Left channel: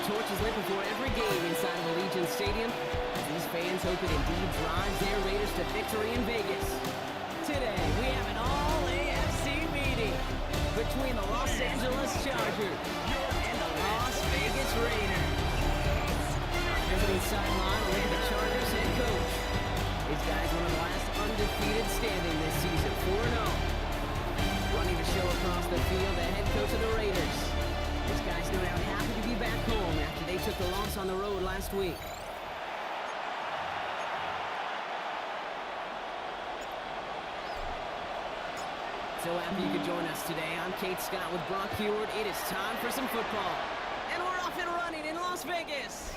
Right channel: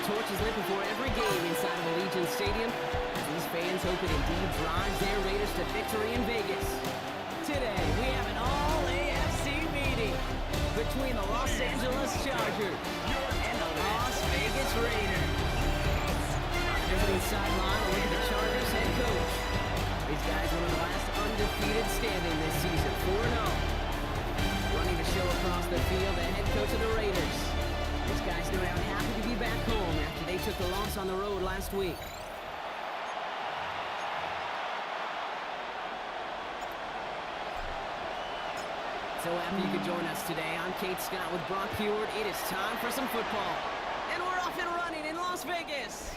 the torch is lit before every game inside of Allegiant Stadium. These fans hope it indeed drives their Raiders to victory in Vegas. Today, we have an all-AFC meeting between the Los Angeles Chargers and the Las Vegas Raiders. On the visiting sideline, we'll look at the Chargers head coach. These guys one of the last undefeated standing this season, 4-0. Running the show across the field, the head coach of the Raiders. These guys no doubt happy to be back home after they took the loss on the road last week. So happy you could join us today. I'm Kate Scott with Brock Heward. It is time for some football. And we're off and running in Las Vegas.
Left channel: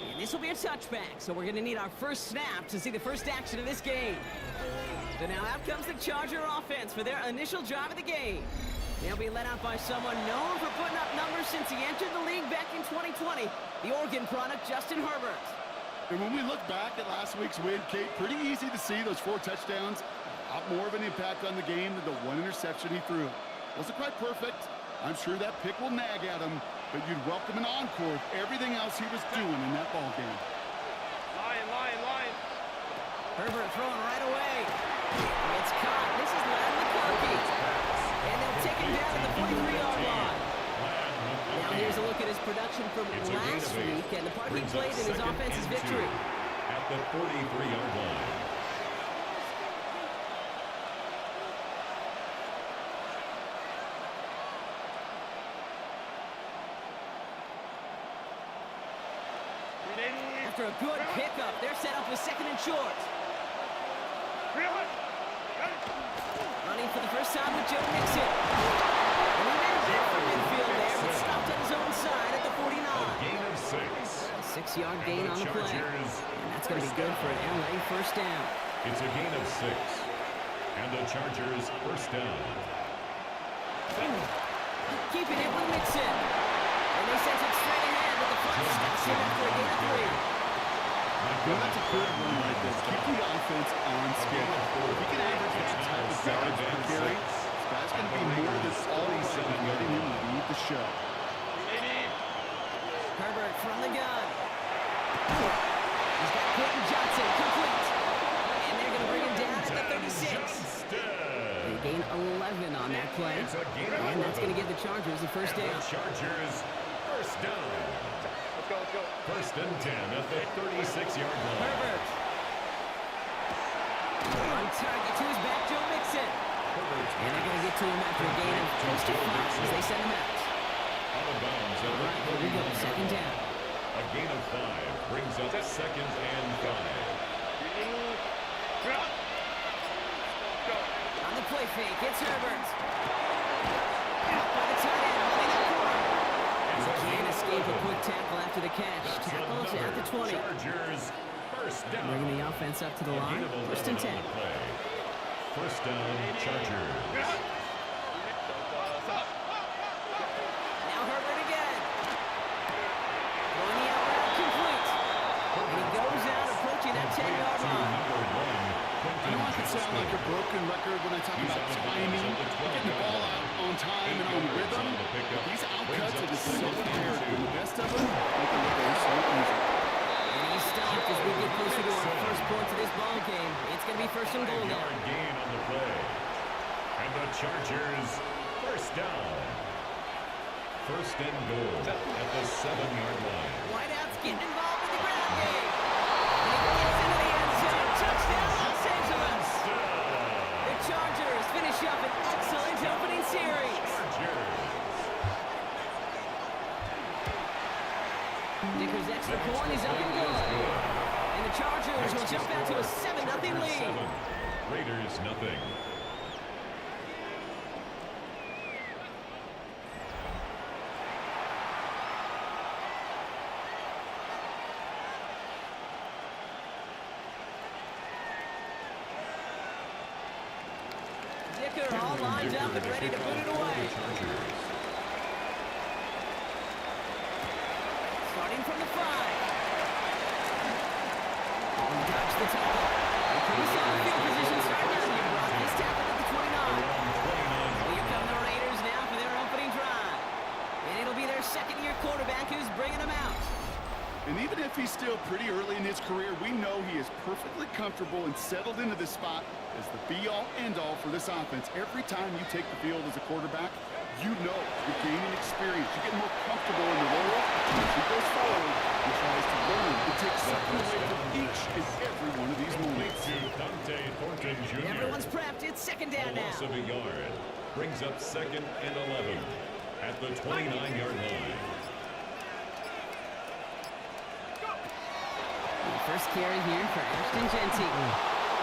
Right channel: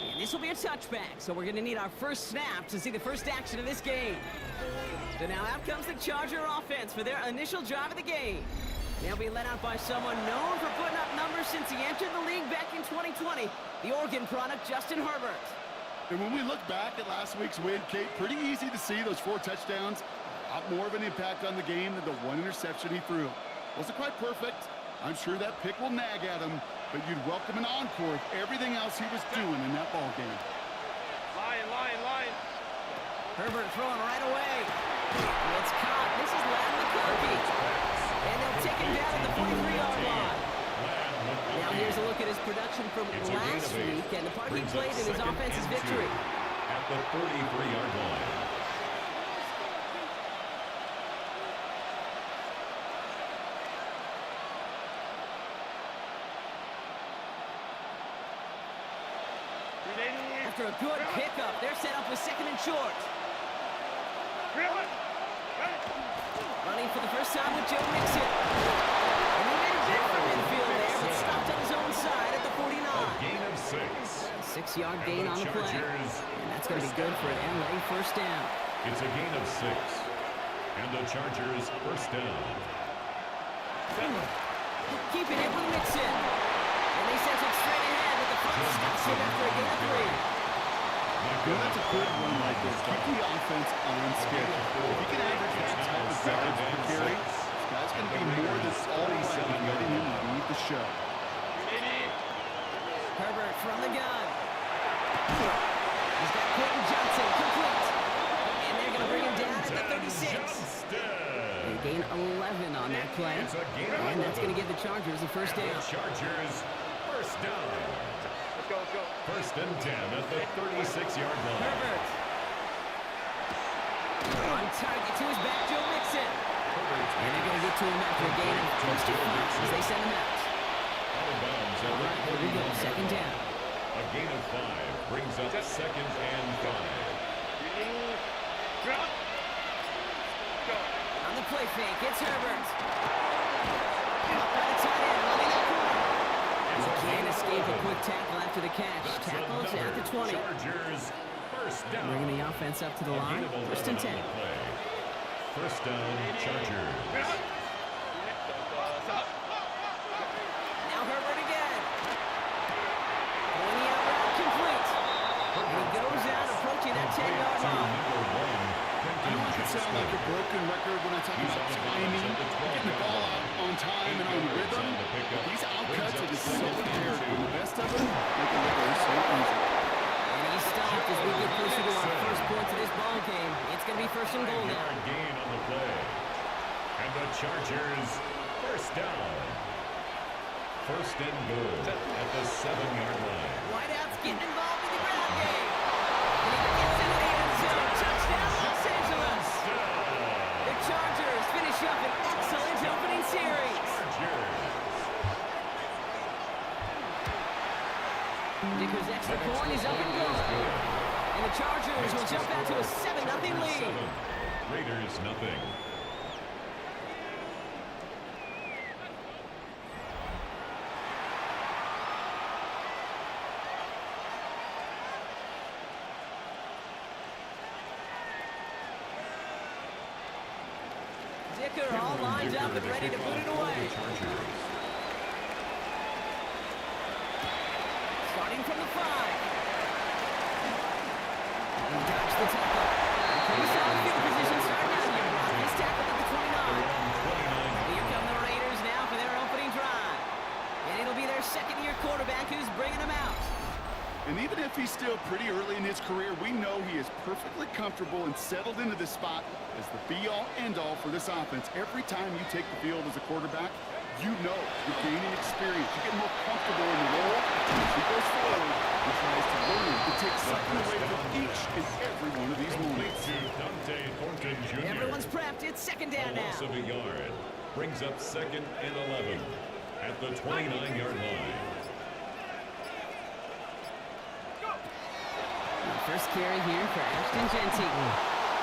And this will be a touchback, so we're going to need our first snap to see the first action of this game. So now out comes the Charger offense for their initial drive of the game. They'll be led out by someone known for putting up numbers since he entered the league back in 2020, the Oregon product, Justin Herbert. And when we look back at last week's win, Kate, pretty easy to see those 4 touchdowns. A lot more of an impact on the game than the 1 interception he threw. Wasn't quite perfect. I'm sure that pick will nag at him, but you'd welcome an encore with everything else he was doing in that ball game. Line. Herbert throwing right away. It's caught. This is Ladd McConkey. And they'll take him down at the 43-yard line. Now here's a look at his production from last week and the part he played in his offense's victory. At the 43-yard line. After a good pickup, they're set up with 2nd and short. Running for the first time with Joe Mixon. And he made a bit from midfield there, but stopped on his own side at the 49. A gain of 6. A 6-yard gain on the play. And that's going to be good for an LA first down. It's a gain of 6. And the Chargers first down. Keeping it with Mixon. And they send it straight ahead, but the front stops him after a gain of 3. That's a good run like this. Keep the offense on schedule. If he can average that type of yards per carry, this guy's going to be more than all right with letting him lead the show. Herbert from the gun. He's got Quentin Johnson complete. And they're going to bring him down at the 36. They gain 11 on that play. And that's going to give the Chargers the first down. Chargers first down. Let's go. First and 10 at the 36-yard line. Herbert. On target to his back, Joe Mixon. And they're going to get to him after a gain of close to 5 as they send him out. Out of bounds. All right, here we go. 2nd down. A gain of 5 brings up 2nd and 5. On the play fake, it's Herbert. Caught by the tight end, running that corner. He can't escape a quick tackle after the catch. Tackles at the 20. Chargers first down. Bringing the offense up to the line. 1st and 10. First down, Chargers. Now Herbert again. Throwing the out route complete. And he goes out approaching that 10-yard line. I know I can sound like a broken record when I talk about timing, getting the ball out on time and on rhythm. But these outcuts are just so imperative. And the best of them, they can look so easy. And he stopped as we get closer to our first points of this ball game. It's going to be 1st and goal now. Gain on the play. And the Chargers first down. 1st and goal at the 7-yard line. Whiteout's getting involved in the ground game. And he gets into the end zone. Touchdown, Los Angeles. The Chargers finish up an excellent opening series. Dicker's extra point is up and good. And the Chargers will jump out to a 7-0 lead. Raiders nothing. Dicker all lined up and ready to put it away. Starting from the 5. And dodge the tackle. Pretty solid field position starting out here, Brock. He's tackled at the 29. Here come the Raiders now for their opening drive. And it'll be their second-year quarterback who's bringing them out. And even if he's still pretty early in his career, we know he is perfectly comfortable and settled into this spot as the be-all, end-all for this offense. Every time you take the field as a quarterback, you know you're gaining experience. You get more comfortable in the role. As he goes forward, he tries to learn to take something away from each and every one of these moments. To Dante Thornton Jr. Everyone's prepped. It's second down A loss now. of a yard brings up 2nd and 11 at the 29-yard line. First carry here for Ashton Jeanty.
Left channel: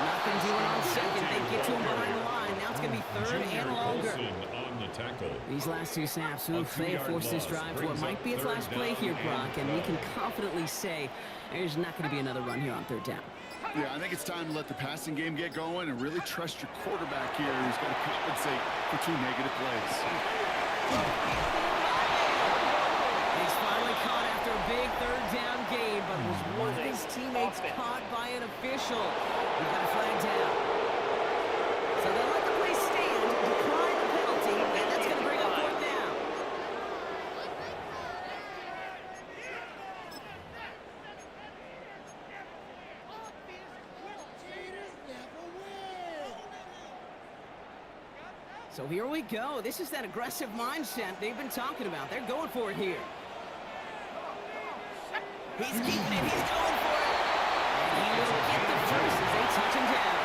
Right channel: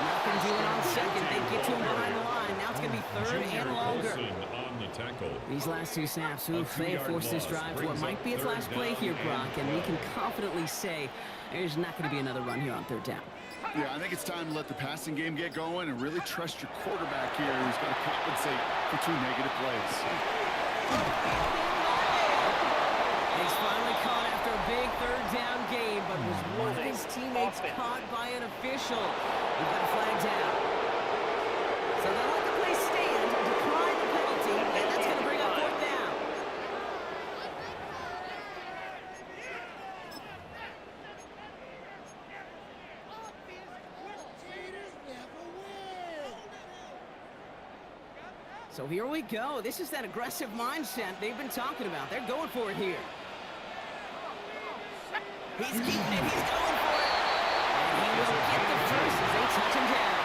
Nothing doing on second. They get to him behind the line. Now it's going to be third and longer. On the tackle. These last two snaps, oof, they have forced this drive to what might be its last play here, Brock, and we can confidently say there's not going to be another run here on third down. Yeah, I think it's time to let the passing game get going and really trust your quarterback here who's got to compensate for 2 negative plays. He's finally caught after a big third down game, but was one of his teammates caught by an official? We've got a flag down. So they'll let the play stand, decline the penalty, and that's going to bring up fourth down. So here we go. This is that aggressive mindset they've been talking about. They're going for it here. He's keeping it. He's going for it. And he will get the first as they touch him down.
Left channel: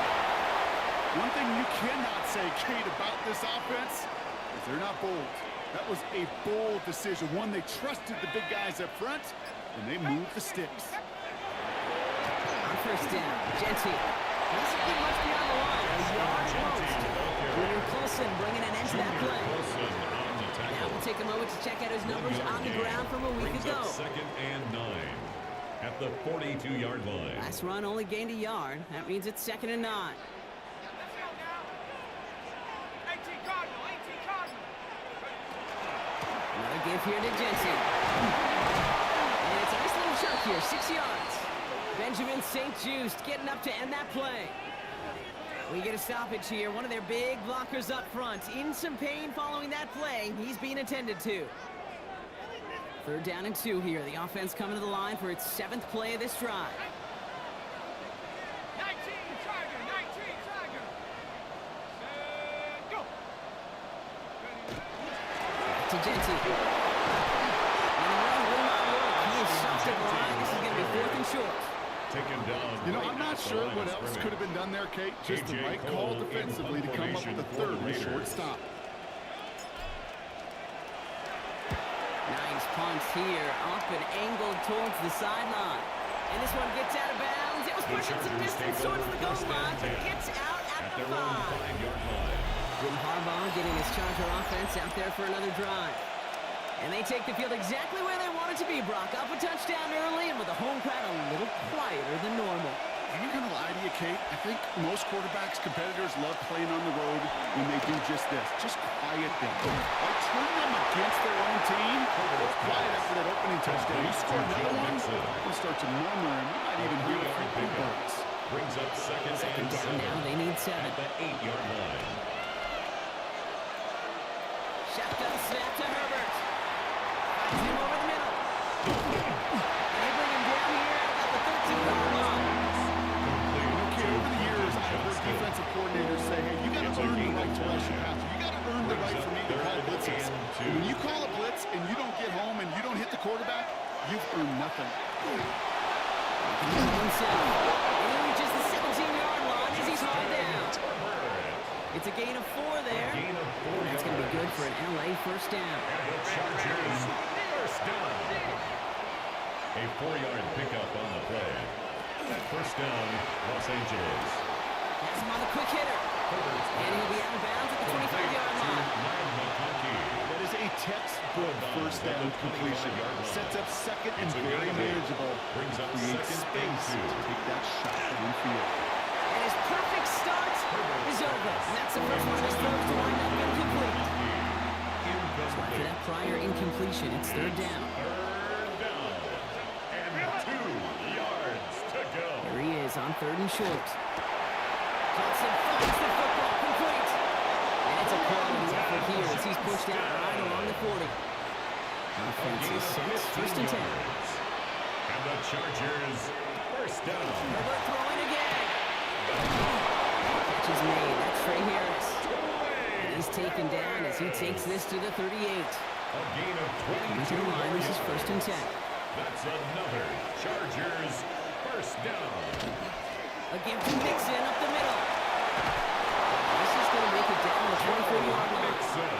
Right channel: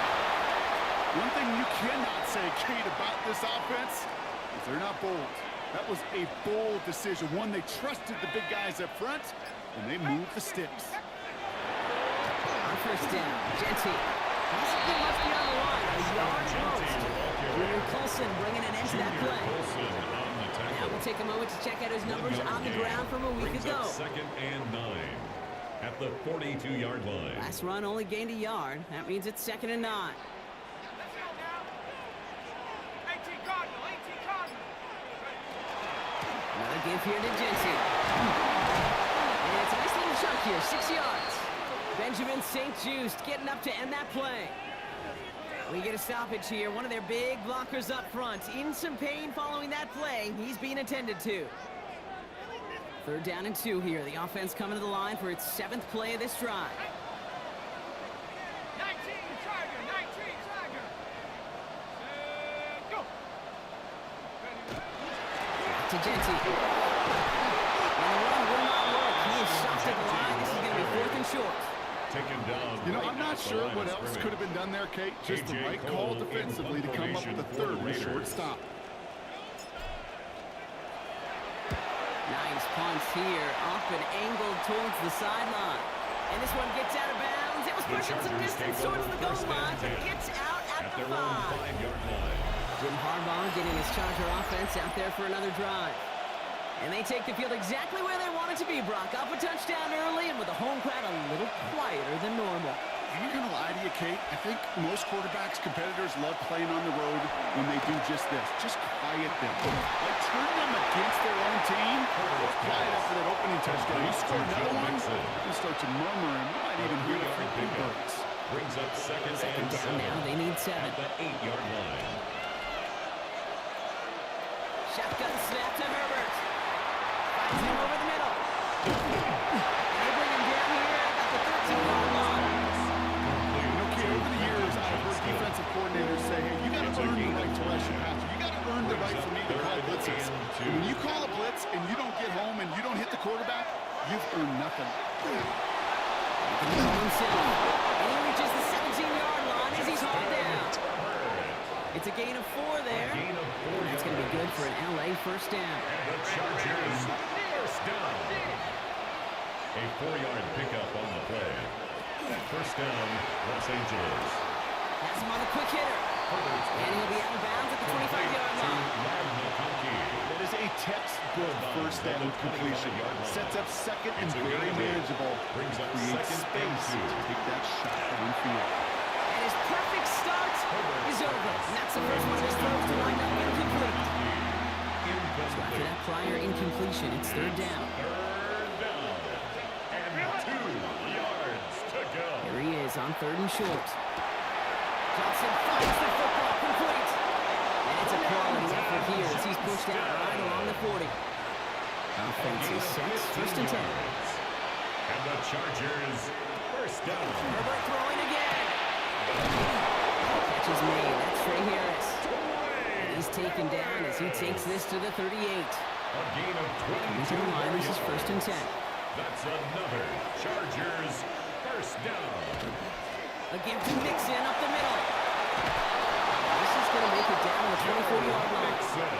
One thing you cannot say, Kate, about this offense is they're not bold. That was a bold decision. One, they trusted the big guys up front, and they moved the sticks. On first down, Jeanty doesn't get much beyond the line. A yard at most. Junior Colson bringing an end to that play. Now we'll take a moment to check out his numbers on the ground from a week ago. 2nd and 9 at the 42-yard line. Last run only gained a yard. That means it's 2nd and 9. Another give here to Jeanty. And it's a nice little chunk here, 6 yards. Benjamin St. Just getting up to end that play. We get a stoppage here. One of their big blockers up front. In some pain following that play. He's being attended to. 3rd down and 2 here. The offense coming to the line for its 7th play of this drive. 19, Tiger, 19, Tiger. Go. Back to Jeanty. And the run will not work. He is stopped at the line. This is going to be 4th and short. Taken down. You know, I'm not sure what else could have been done there, Kate. Just the right call defensively to come up with a 3rd and short stop. Nice punch here, up and angled towards the sideline. And this one gets out of bounds. It was pushing some distance towards the goal line, but gets out at the 5. 5-yard line. Jim Harbaugh getting his Charger offense out there for another drive. And they take the field exactly where they want it to be, Brock. Up a touchdown early and with the home crowd a little quieter than normal. I'm not going to lie to you, Kate. I think most quarterbacks, competitors love playing on the road when they do just this. Just quiet them. Like turn them against their own team. Or quiet after that opening touchdown. You score another one, you start to murmur, and you might even hear the freaking birds. Brings up 2nd and down 7 now. They need 7. at the 8-yard line. Shotgun snap to Herbert. Finds him over the middle. And they bring him down here at about the 13-yard line. Okay, over the years, I've heard defensive coordinators say, hey, you got to earn the right to rush your passer. You got to earn the right for me to call blitzes. And when you call a blitz and you don't get home and you don't hit the quarterback, you've earned nothing. Control himself. And he reaches the 17-yard line as he's hauled down. It's a gain of 4 there. Gain of 4 And that's going to be good for an LA first down. And the Chargers first down. A 4-yard pickup on the play. First down, Los Angeles. Has him on the quick hitter. And he'll be out of bounds at the 25-yard line. That is a textbook first down completion. Sets up 2nd and very manageable. Brings up Creates 2nd and space 2. to take that shot downfield. And his perfect start is over. And that's the first one of his throws to wind up incomplete. So after that prior incompletion, it's 3rd down. 3rd down. And 2 yards to go. Here he is on 3rd and short. Johnson finds the football complete. And it's a quality effort here as he's pushed out right along the 40. Offense gain is of set. 15 First and 10. yards. And the Chargers, first down. Herbert throwing again. Catch is made. That's Trey Harris. And he's taken down as he takes this to the 38. A gain of 22 Into the line. This is yards. first and 10. That's another Chargers first down. A give to Mixon up the middle. This is going to make it down to the 24-yard line. Mixon.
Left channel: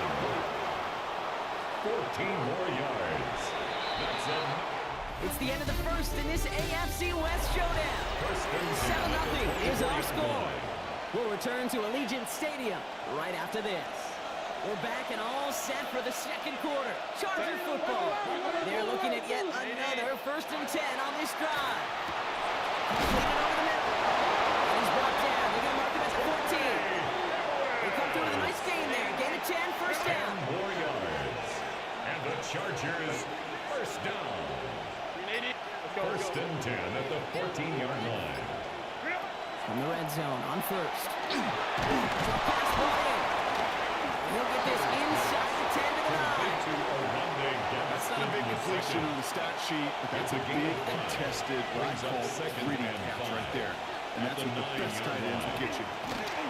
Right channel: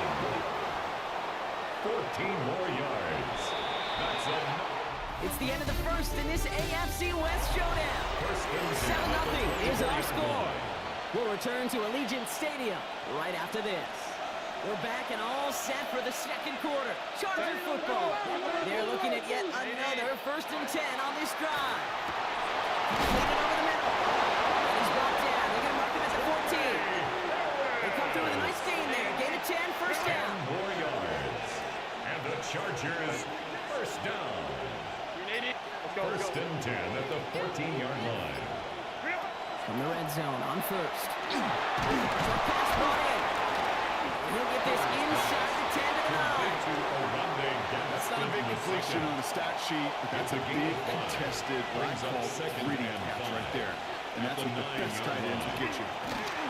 14 more yards. That's enough. It's the end of the first in this AFC West showdown. First and 7-0 is our 24-yard score. line. We'll return to Allegiant Stadium right after this. We're back and all set for the second quarter. Charger football. They're looking at yet another first and 10 on this drive. Completed over the middle. And he's brought down. They're going to mark him at the 14. They come through with a nice gain there. Gain of 10, first down. 10 more yards. And the Chargers first down. First and 10 at the 14-yard line. From the red zone on first. Short pass brought in. He'll get this inside the 10 to the 9. That's not a big completion on the stat sheet, but that's a big contested, what I call gritty catch right there. And that's what the best tight ends will get you.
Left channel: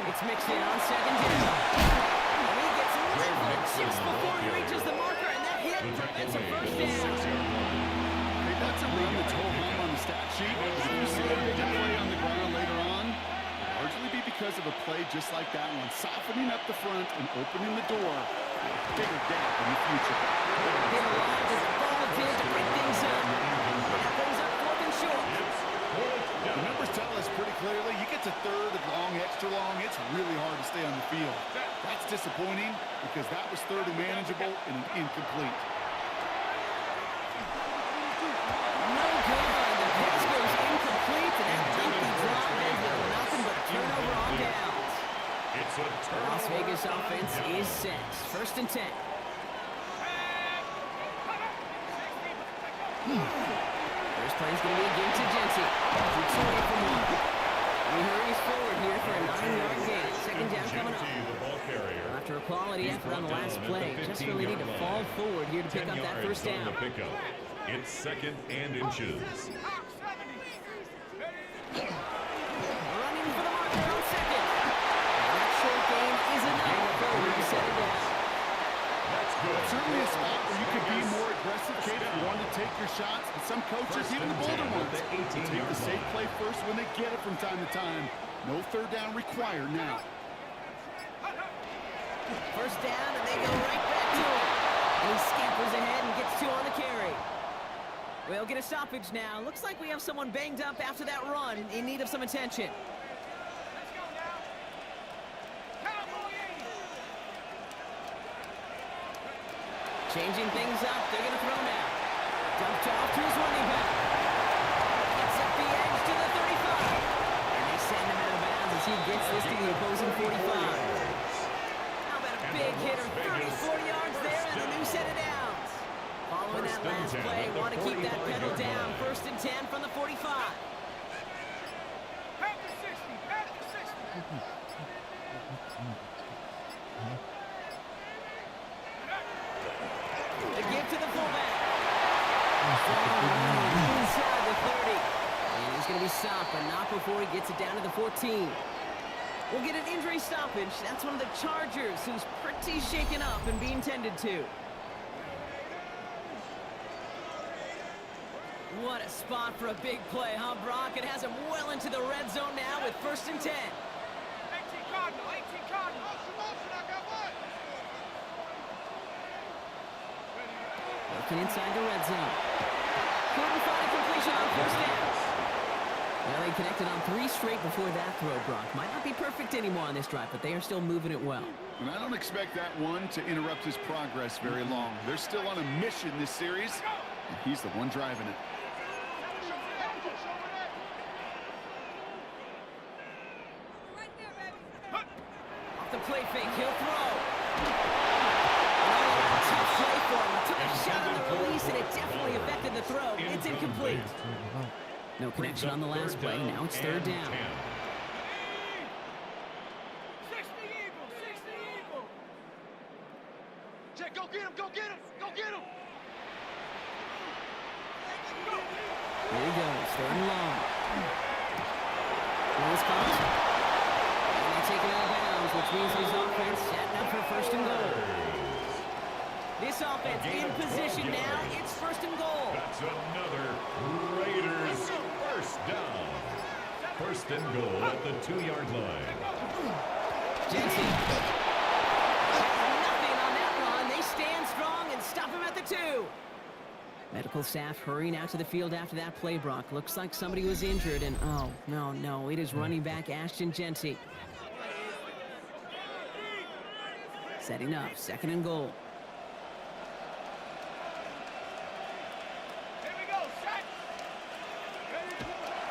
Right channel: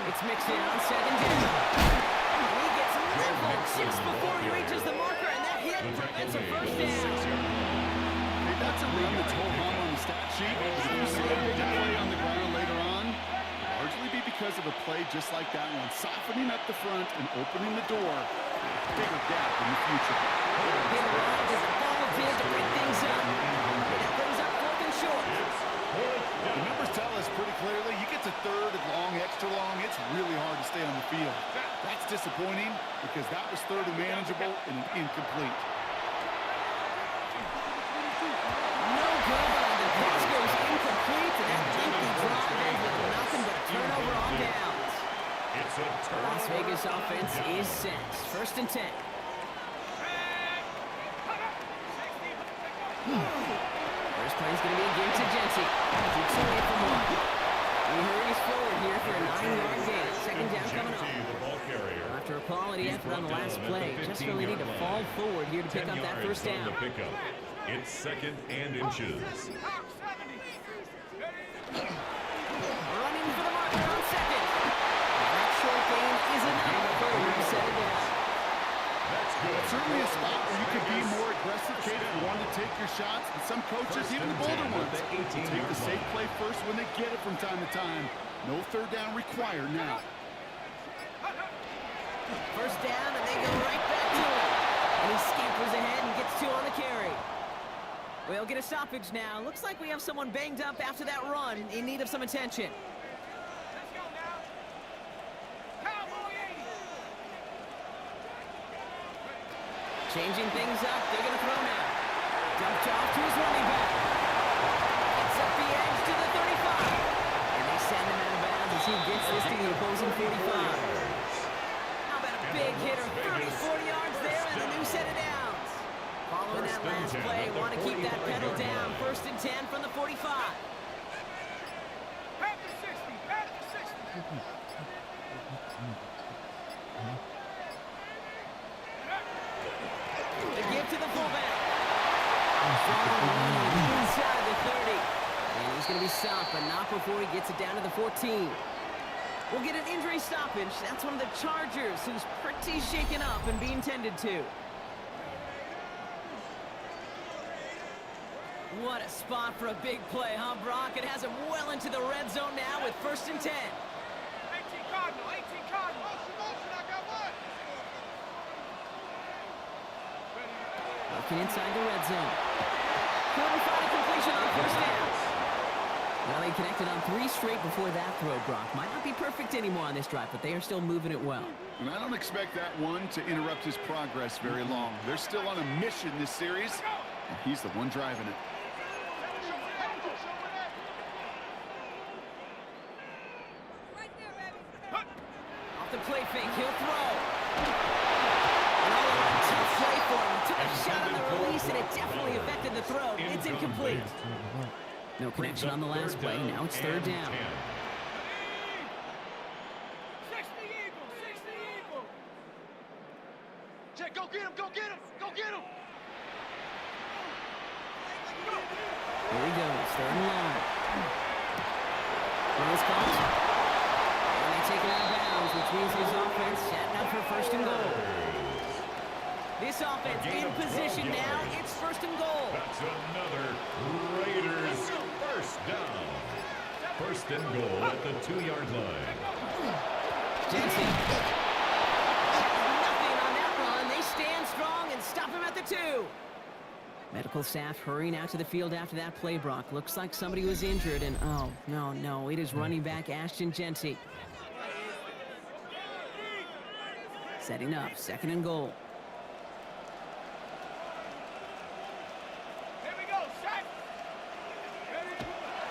It's Mixon on second down. And he gets leveled just before he reaches the marker, and that hit prevents a first down. Hey, that's a run that's whole hum on the stat sheet. But if you see a bigger play on the ground later on, it'll largely be because of a play just like that one, softening up the front and opening the door for a bigger gap in the future. Hit arrived as the ball did to break things up. That brings up fourth and short. The numbers tell us pretty clearly, you get to third and long, extra long, it's really hard to stay on the field. That's disappointing because that was third and manageable and an incomplete. No good. The pass goes incomplete, and that lengthy drive ends with nothing but a turnover on downs. It's a The turnover. Las Vegas offense is set. First and 10. First play is going to be a give to Jency. Keeps away from one. He hurries forward here for a 9-yard gain. Second down coming up. The ball carrier. After a quality effort on the last play, just really need to fall forward here to pick up that first down. The pickup. It's second and inches. Running for the marker on second. And that short gain is enough for him to set it down. That's good. Certainly a spot where you could be more aggressive, Kate, if you wanted to take your shots. But some coaches, even the bolder ones, will take the safe play first when they get it from time to time. No third down required now. First down, and they go right back to him. And he scampers ahead and gets two on the carry. We'll get a stoppage now. Looks like we have someone banged up after that run in need of some attention. Let's go now. Cowboy 80. Changing things up. They're going to throw now. Dumped off to his running back. Gets up the edge to the 35. And they send him out of bounds as he gets this to the opposing 45. How about a big hitter? 34 yards there and a new set of downs. Following that last play, want to keep that pedal down. First and 10 from the 45. Back to 60. Back to 60. The give to the fullback. Inside the 30. And he's going to be stopped, but not before he gets it down to the 14. We'll get an injury stoppage. That's one of the Chargers who's pretty shaken up and being tended to. What a spot for a big play, huh, Brock? It has him well into the red zone now with first and 10. 18 Cardinal. 18 Cardinal. I got one. Looking inside the red zone. Couldn't find a completion on first down. Well, he connected on 3 straight before that throw, Brock. Might not be perfect anymore on this drive, but they are still moving it well. And I don't expect that one to interrupt his progress very long. They're still on a mission this series, and he's the one driving it. Off the play fake, he'll throw. And all around tough play for him. He took a shot on the release, and it definitely affected the throw. It's incomplete. No connection on the last play. Now it's third down. 60 Eagles. 60 Eagles. Check, go get him, go get him, go get him. Here he goes, third and long. Close calls. And they take it out of bounds, which means his offense setting up for first and goal. This offense in position now. It's first and goal. That's another Raiders first down. First and goal at the 2-yard line. Jensen has nothing on that run. They stand strong and stop him at the 2. Medical staff hurrying out to the field after that play, Brock. Looks like somebody was injured, and oh, no, it is running back Ashton Jeanty. Setting up, second and goal. Here we go, set.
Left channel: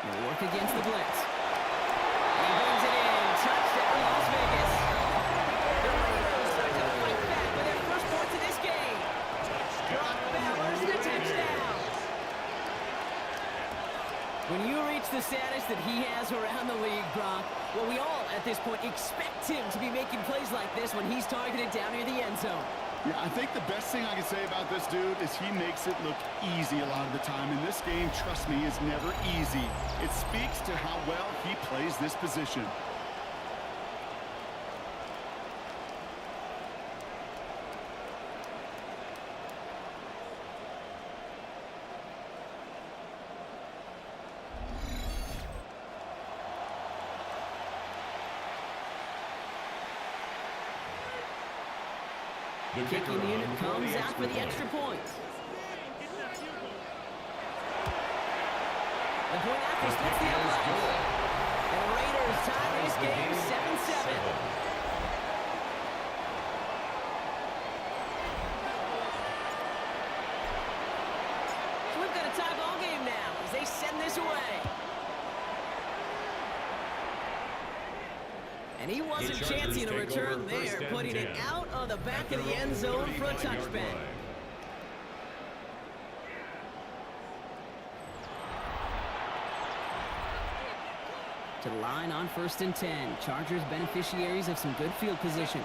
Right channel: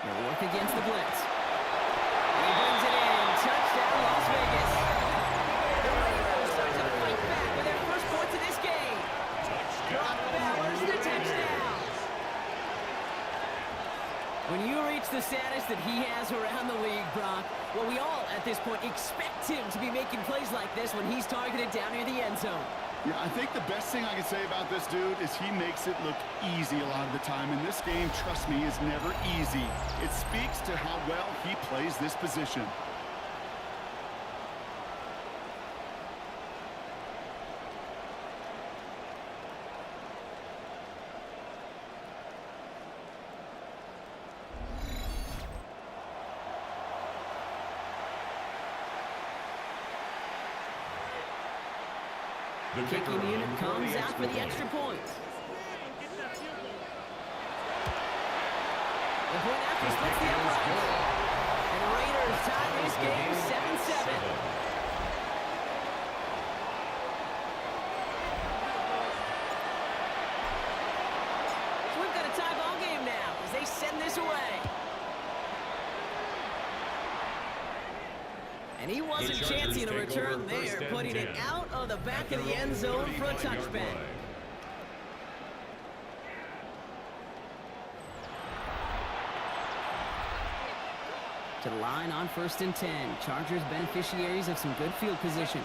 They'll work against the blitz. And he brings it in. Touchdown, Las Vegas. The Raiders start to fight back with their first points of this game. Brock Bowers, the touchdown. When you reach the status that he has around the league, Brock, well, we all, at this point, expect him to be making plays like this when he's targeted down near the end zone. Yeah, I think the best thing I can say about this dude is he makes it look easy a lot of the time. And this game, trust me, is never easy. It speaks to how well he plays this position. The Kicking unit comes out for the extra point. The point after splits the uprights. And the Raiders tie this game 7-7. So we've got a tie ball game now as they send this away. And he wasn't chancing a return there, putting it out of the back of the end zone for a touchback. To the line on 1st and 10. Chargers beneficiaries of some good field position.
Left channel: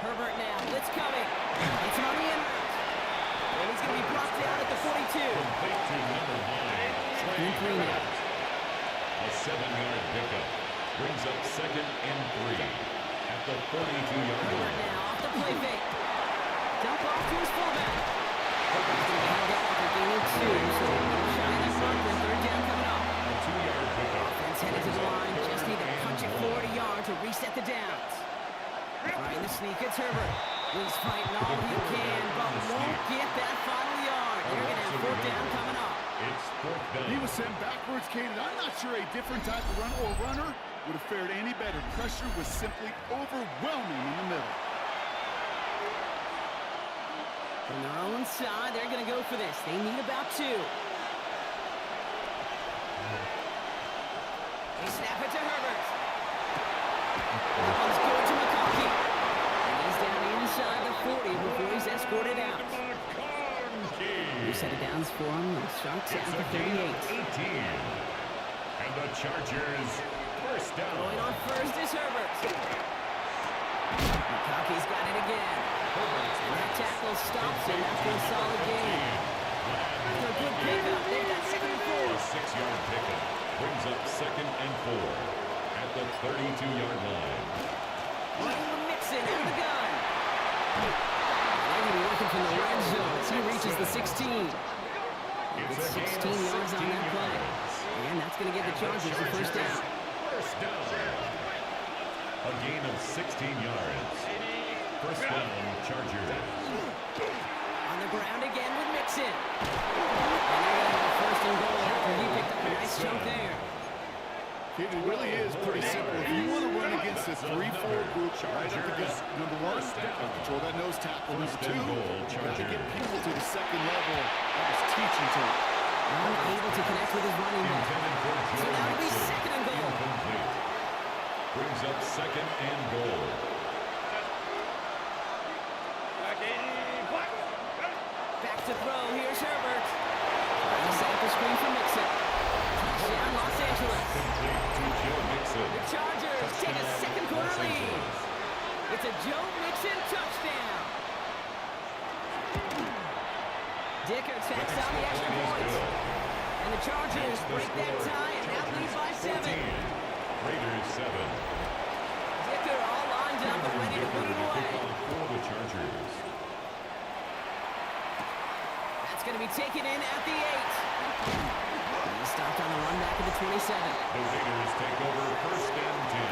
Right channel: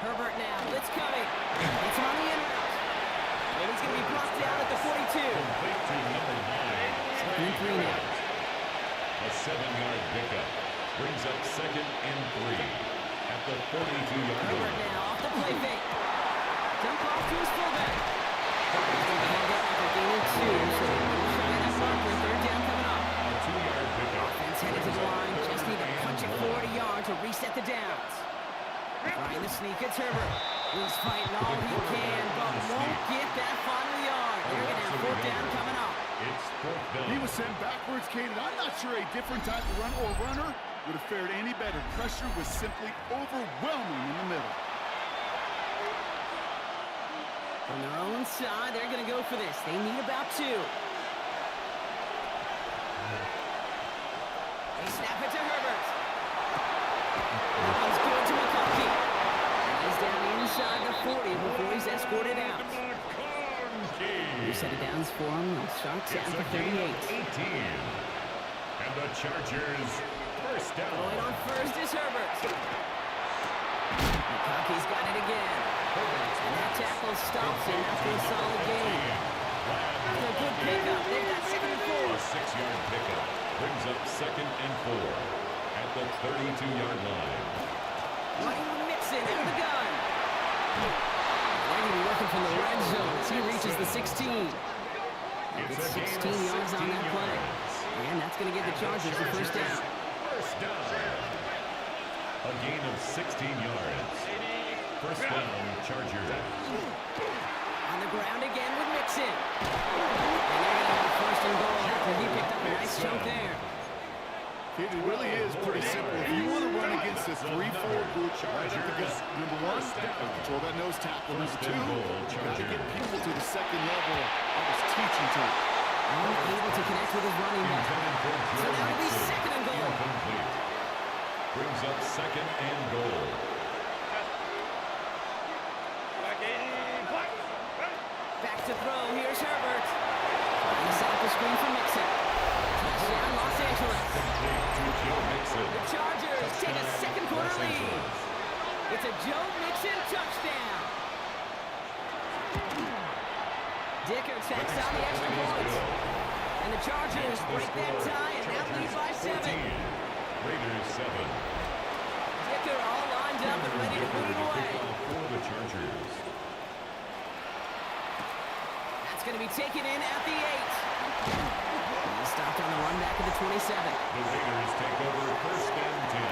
Herbert now, blitz coming. It's him on the in route. And he's going to be brought down at the 42. Complete to number 9. 2nd and 3 now. A 7-yard pickup brings up 2nd and 3 at the 42-yard Herbert line. now off the play fake. Dump off to his fullback. Herbert's going to be held up after gaining 2, so no shot at that marker. 3rd down coming up. A 2-yard pickup. Offense headed to the line. Just need to punch it forward a yard to reset the downs. Trying the sneak. It's Herbert. He's fighting all he can, but won't get that final yard. They're going to have 4th down coming up. It's 4th down. He was sent backwards, Kate, and I'm not sure a different type of run or runner would have fared any better. Pressure was simply overwhelming in the middle. From their own side, they're going to go for this. They need about 2. They snap it to Herbert. That one's good to McConkey. And he's down inside the 40 before he's escorted out. We set it downs for him. They'll start down for 38. 18. And the Chargers first down. Going on first is Herbert. McConkey's got it again. And that tackle stops him after a solid game. After a good pickup, they've got 2nd and 4. A 6-yard pickup brings up 2nd and 4 at the 32-yard line. Running with Mixon out of the gun. They're going to be working from the red zone as he reaches the 16. It's 16 yards on that play. And that's going to give the Chargers the first down. First down. A gain of 16 yards. First down, Chargers. On the ground again with Mixon. And they're going to have 1st and goal after he picked up a nice chunk there. It really is pretty simple. If you want to run against a 3-4 group right up against number 1, control that nose tackle. Number 2, you got to get people to the 2nd level. That was teaching to him. Unable to connect with his running back. So now it'll be 2nd and goal. Incomplete. Brings up 2nd and goal. Back to throw. Here's Herbert. Trying to set up a screen for Mixon. Touchdown, Los Angeles. Complete to Joe Mixon. The Chargers take a second quarter lead. It's a Joe Mixon touchdown. Dicker tacks on the extra point. And the Chargers break that tie and now lead by 7. Raiders 7. Dicker all lined up and ready to put it away. For the Chargers. That's going to be taken in at the 8. He stopped on the run back at the 27. The Raiders take over 1st and 10.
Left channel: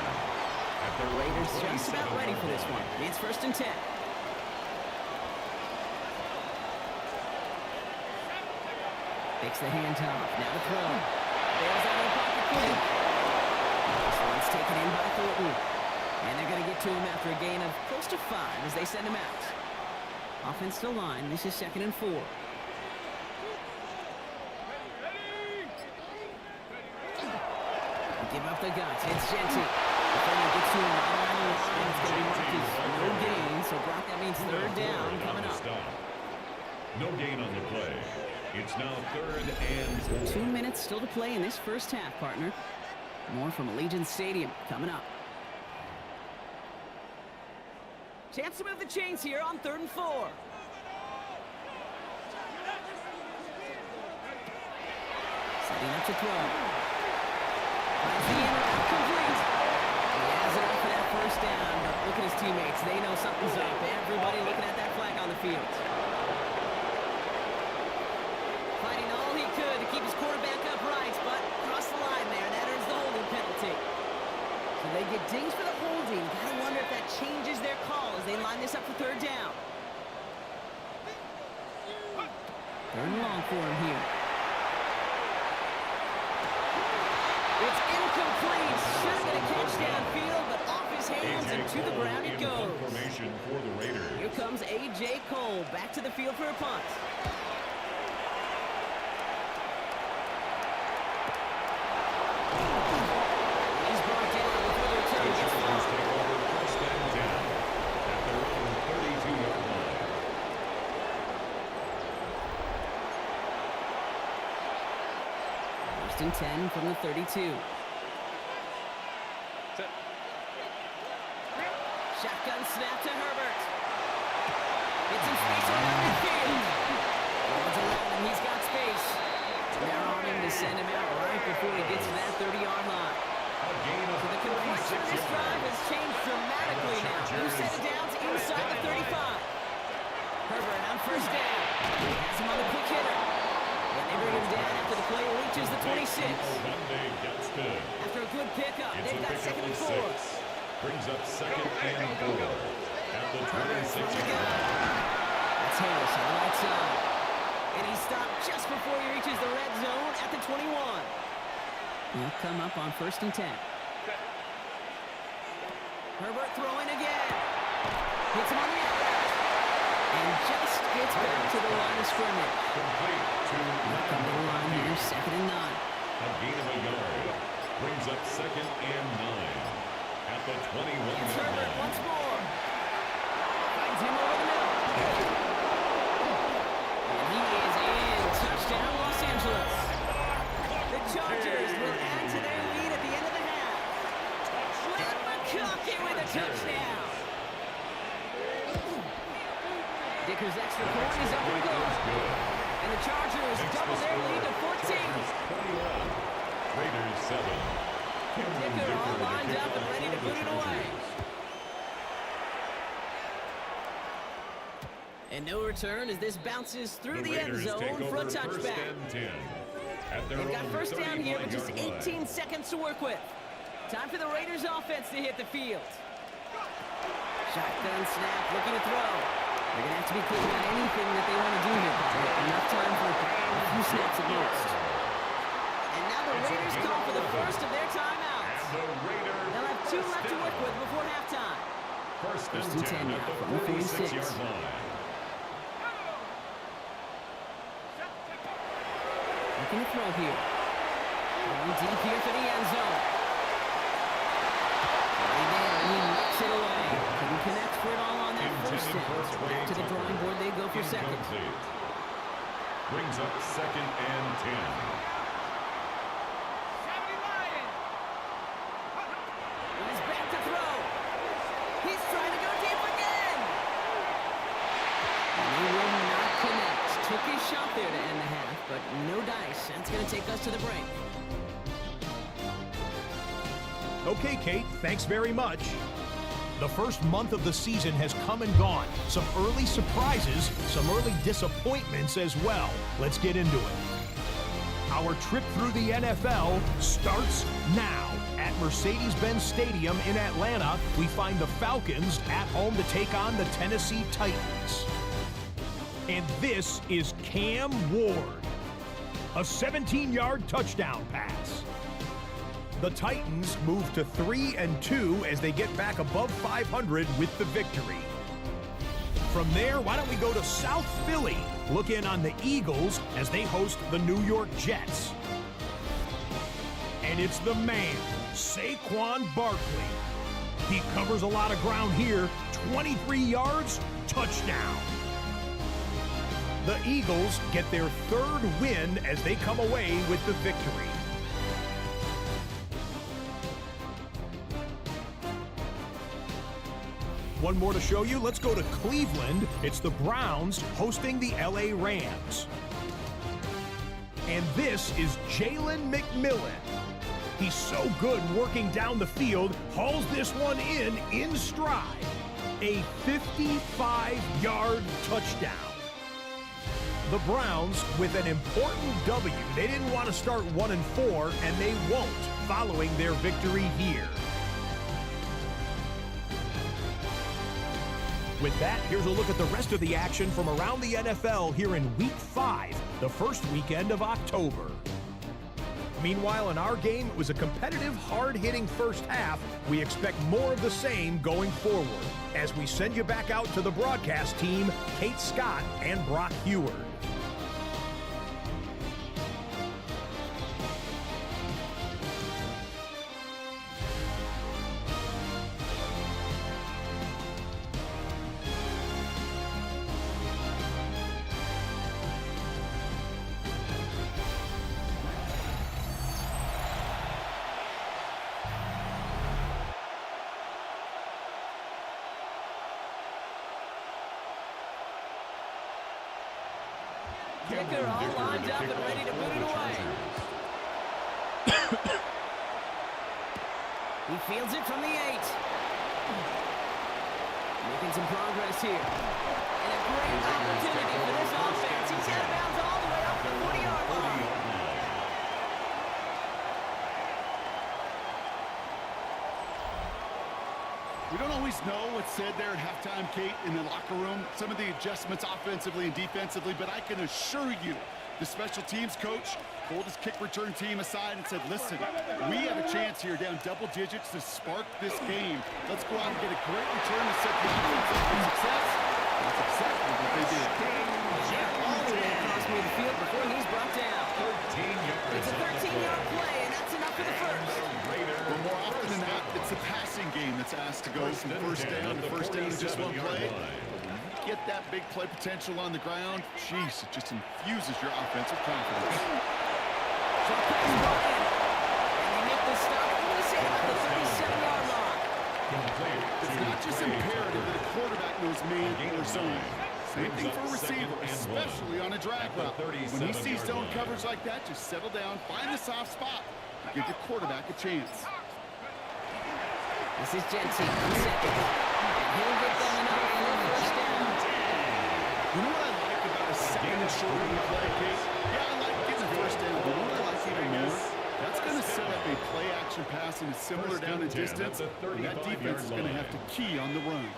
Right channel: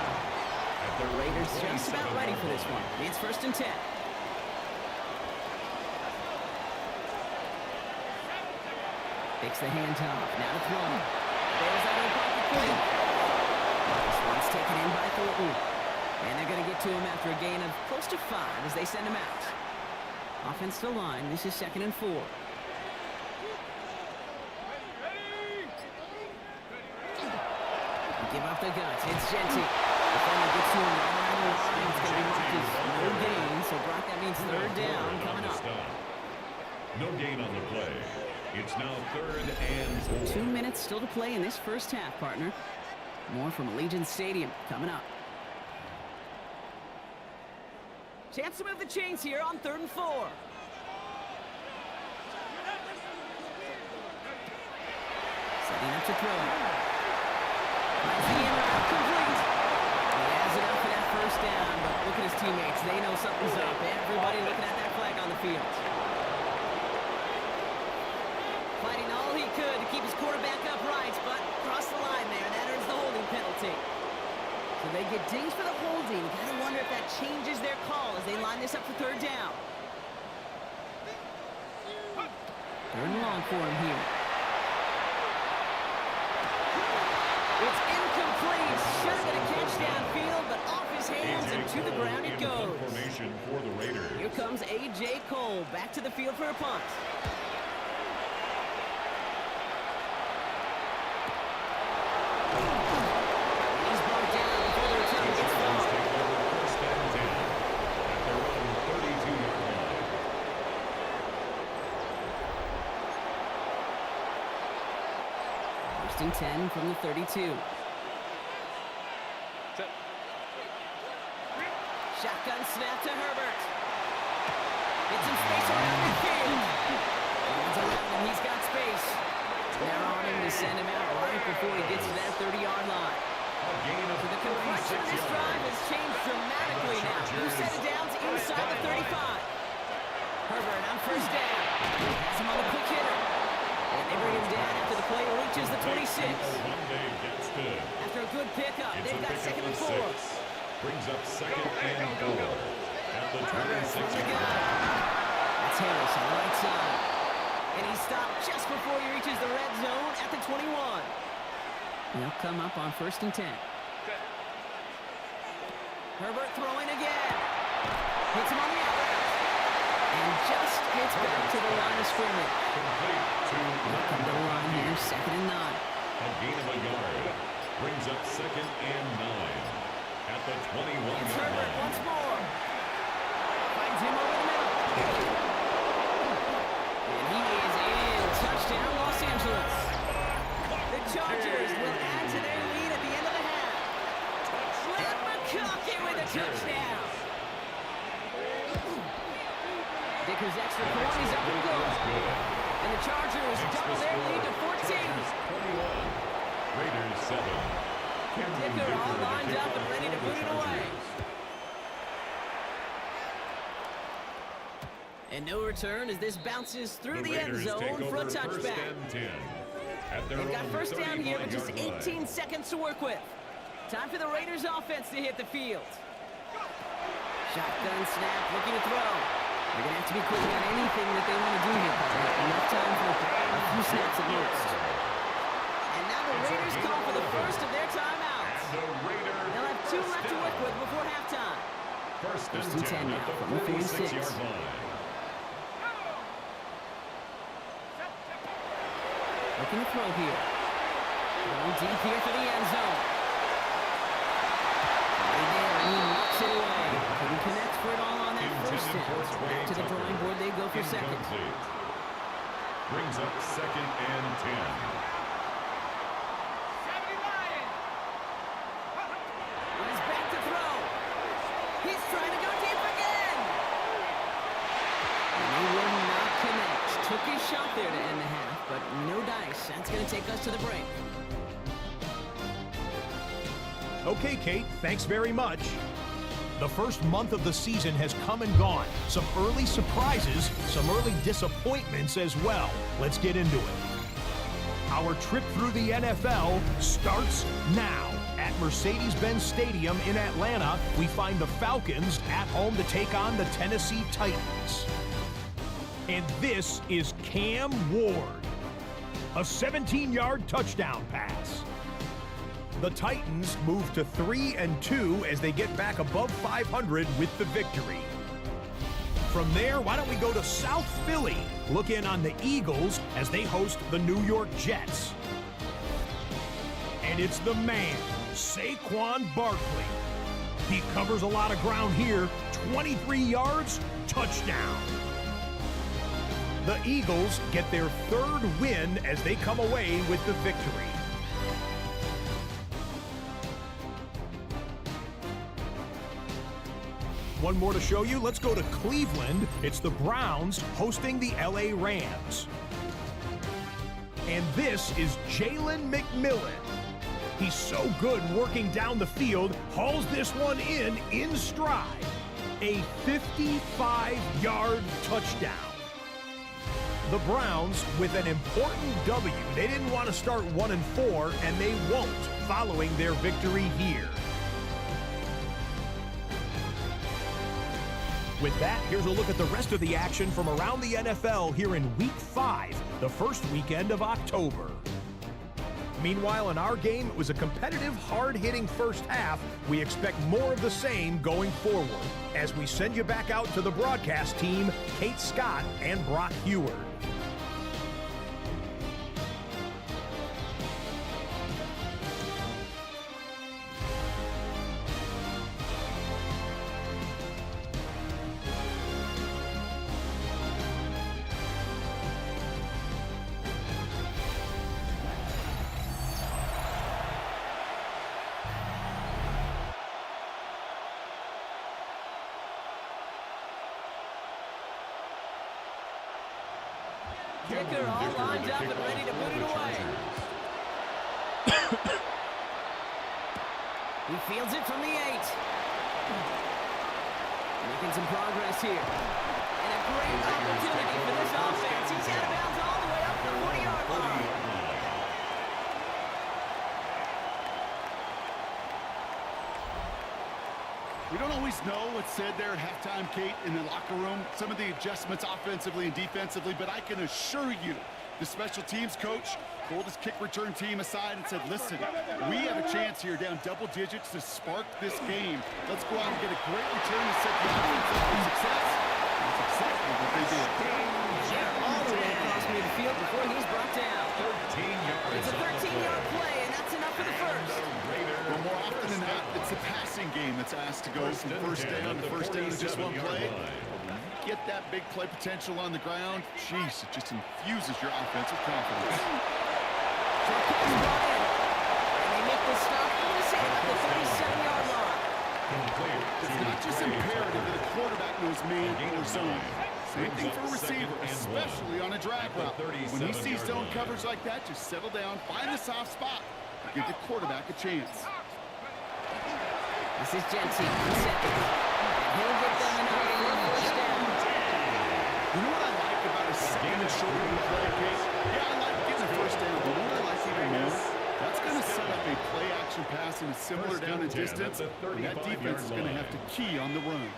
At their Raiders just about ready for this one. It's 1st and 10. Takes the handoff. Now to throw. Bails out of the pocket quick. This one's taken in by Thornton. And they're going to get to him after a gain of close to 5 as they send him out. Offense to line. This is 2nd and 4. Give up the guts. It's Genty. Defender gets to him right around the line. It's going to be marked as no gain. So, Brock, that means 3rd down coming up. No gain on the play. It's now 3rd and 4. 2 minutes still to play in this first half, partner. More from Allegiant Stadium coming up. Chance to move the chains here on 3rd and 4. Setting up to throw. Finds the in route complete. He has it up for that 1st down, but look at his teammates. They know something's up. Everybody looking at that flag on the field. Fighting all he could to keep his quarterback upright, but crossed the line there. That earns the holding penalty. So they get dinged for the holding. Gotta wonder if that changes their call as they line this up for 3rd down. 3rd and long for him here. It's incomplete. Should have been a catch downfield, but off his hands and to the ground it goes. Formation for the Raiders. Here comes A.J. Cole back to the field for a punt. He's brought down before the return gets far. Take over 1st and 10 at their own 32-yard line. First and 10 from the 32. Shotgun snap to Herbert. Gets some space around midfield. Runs around him. He's got space. They're on him to send him out right before he gets to that 30-yard line. So the complexion of this drive has changed dramatically now. New set of downs inside the 35. Herbert on 1st down. Has him on the quick hitter. And they bring him down after the play reaches the 26. After a good pickup, they've got 2nd and 4. Brings up 2nd and 4 at the 26-yard line. That's Harris on the right side. And he stopped just before he reaches the red zone at the 21. They'll come up on 1st and 10. Herbert throwing again. Hits him on the out route. And just gets back to the line of scrimmage. Complete to They'll come to the line here, 2nd and 9. a gain of a yard. Brings up 2nd and 9 at the 21-yard It's Herbert line. once more. Finds him over the middle. And he is in. Touchdown, Los Angeles. The Chargers will add to their lead at the end of the half. And McConkey with a touchdown. Dicker's extra point is up and good. And the Chargers double their lead to 14. Chargers 21, Raiders 7. Dicker all lined up and ready to boot it away. And no return as this bounces through the end zone for a touchback. They've got 1st down here with just 18 seconds to work with. Time for the Raiders offense to hit the field. Shotgun snap, looking to throw. They're going to have to be quick on anything that they want to do here, partner. Enough time for a few snaps at most. And now the Raiders call for the first of their timeouts. They'll have 2 left to work with before halftime. First and 10 now from the 46. Looking to throw here. Going deep here for the end zone. Right there, and he knocks it away. Couldn't connect for it all on that 1st down. So back to the drawing board, they go for 2nd. Brings up 2nd and 10. He's back to throw. He's trying to go deep again. And he will not connect. took his shot there to end the half, but no dice. That's going to take us to the break. Okay, Kate, thanks very much. The first month of the season has come and gone. Some early surprises, some early disappointments as well. Let's get into it. Our trip through the NFL starts now. At Mercedes-Benz Stadium in Atlanta, we find the Falcons at home to take on the Tennessee Titans. And this is Cam Ward. A 17-yard touchdown pass. The Titans move to 3-2 as they get back above 500 with the victory. From there, why don't we go to South Philly, look in on the Eagles as they host the New York Jets. And it's the man, Saquon Barkley. He covers a lot of ground here, 23 yards, touchdown. The Eagles get their third win as they come away with the victory. One more to show you. Let's go to Cleveland. It's the Browns hosting the LA Rams. And this is Jalen McMillan. He's so good working down the field, hauls this one in stride. A 55-yard touchdown. The Browns with an important W. They didn't want to start 1-4, and they won't following their victory here. With that, here's a look at the rest of the action from around the NFL here in Week 5, the first weekend of October. Meanwhile, in our game, it was a competitive, hard-hitting first half. We expect more of the same going forward as we send you back out to the broadcast team, Kate Scott and Brock Heward. Kicker all lined up and ready to put it away. He fields it from the 8. Making some progress here. And a great opportunity for this offense. He's out of bounds all the way up to the 40-yard line. We don't always know what's said there at halftime, Kate, in the locker room. Some of the adjustments offensively and defensively, but I can assure you the special teams coach pulled his kick return team aside and said, listen, we have a chance here down double digits to spark this game. Let's go out and get a great return to set the offense up for success. That's exactly what they did. All the way across midfield before he's brought down. 13 yards. It's a 13-yard play, and that's enough for the first. Well, more often than not, it's the passing game that's asked to go from first down to first down in just one play. Get that big play potential on the ground. Jeez, it just infuses your offensive confidence. Short pass brought in. And they make the stop, I'm going to say about the 37-yard line. It's not just imperative that a quarterback knows man or zone. Same thing for a receiver, especially on a drag route. When he sees zone coverage like that, just settle down, find the soft spot, and give the quarterback a chance. This is Jensen on second. And he'll get them enough for a first down. You know what I like about a second and short play, Kate? Yeah, I like getting a first down, but what I like even more, that's going to set up a play-action pass in a similar down and distance, and that defense is going to have to key on the run.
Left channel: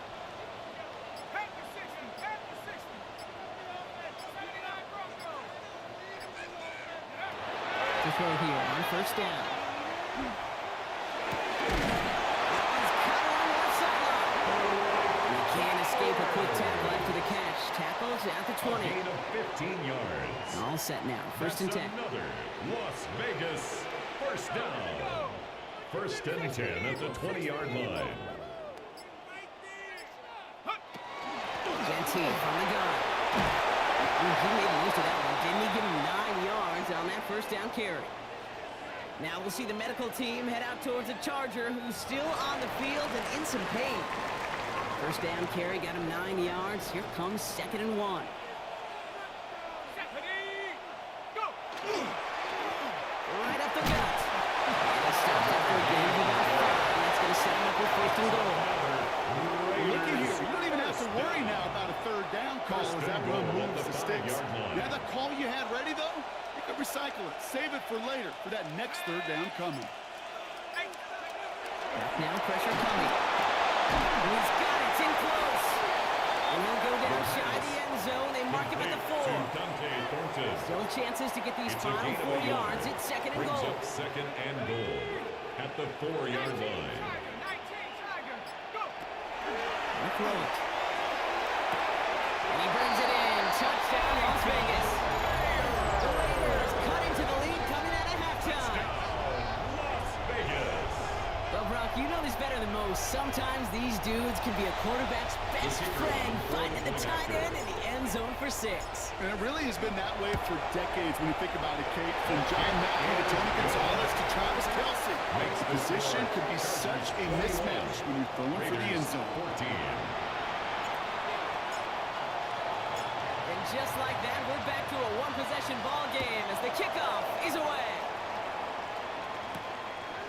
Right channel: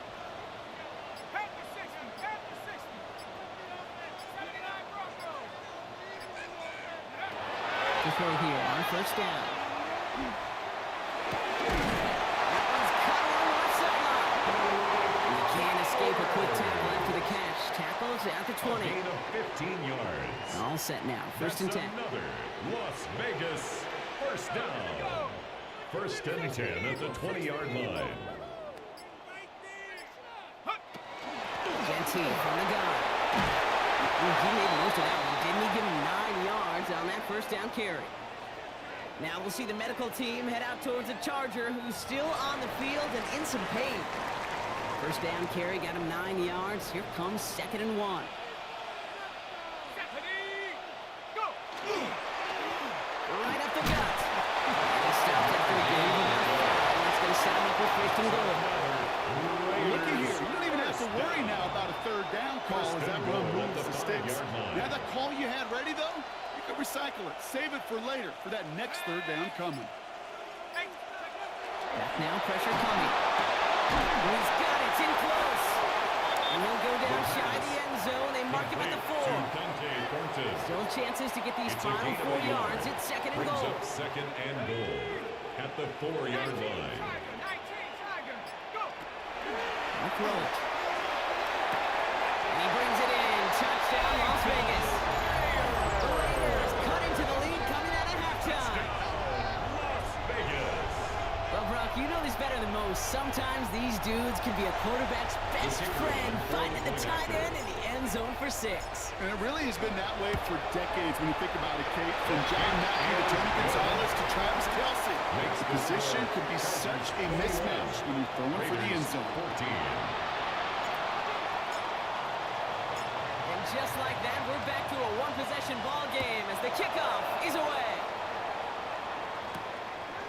To throw here on first down. That one's cut along the left sideline. He can't escape a quick tackle after the catch. Tackles at the 20. A gain of 15 yards. All set now. First and 10. Another Las Vegas first down. First and 10 at the 20-yard line. Genty from the gun. He made most of that one. Didn't he give him 9 yards on that first down carry? Now we'll see the medical team head out towards the Charger, who's still on the field and in some pain. First down carry got him 9 yards. Here comes 2nd and 1. first and goal. Looky here. You don't even have to worry now about a third down call as that run moves the sticks. Now that call you had ready, though, you could recycle it. Save it for later for that next third down coming. Back now, pressure coming. And he's got it. It's in close. And he'll go down shy of the end zone. They mark him at the 4. Still chances to get these final 4 yards. It's second and goal. Up second and goal at the 4-yard line. I'll throw it. And he brings it in. Touchdown, Las Vegas. The Raiders cut into the lead coming out of halftime. Las Vegas. Well, Brock, you know this better than most. Sometimes these dudes can be a quarterback's best friend, finding the tight end in the end zone for 6. And it really has been that way for decades when you think about it, Kate. From John Mackey to Tony Gonzalez to Travis Kelce. The position could be such a mismatch when you're throwing for the end zone. 14. And just like that, we're back to a one-possession ball game as the kickoff is away.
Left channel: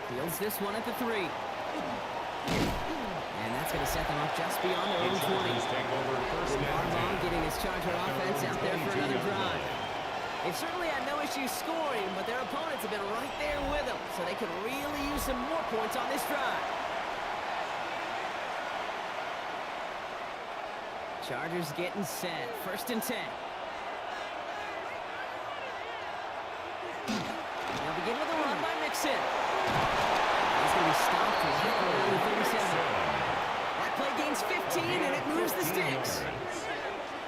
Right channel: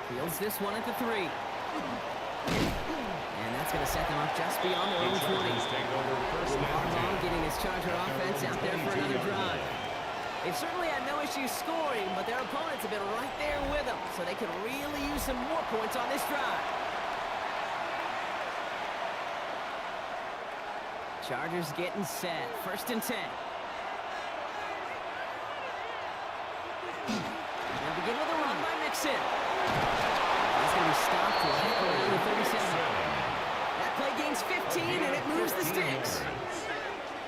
Fields this one at the 3. And that's going to set them up just beyond their own 20. Harbaugh getting his Charger offense out there for another drive. They've certainly had no issues scoring, but their opponents have been right there with them, so they could really use some more points on this drive. Chargers getting set. First and 10. Now begin with a run by Mixon. He's going to be stopped right around the 37. That play gains 15, and it moves the sticks.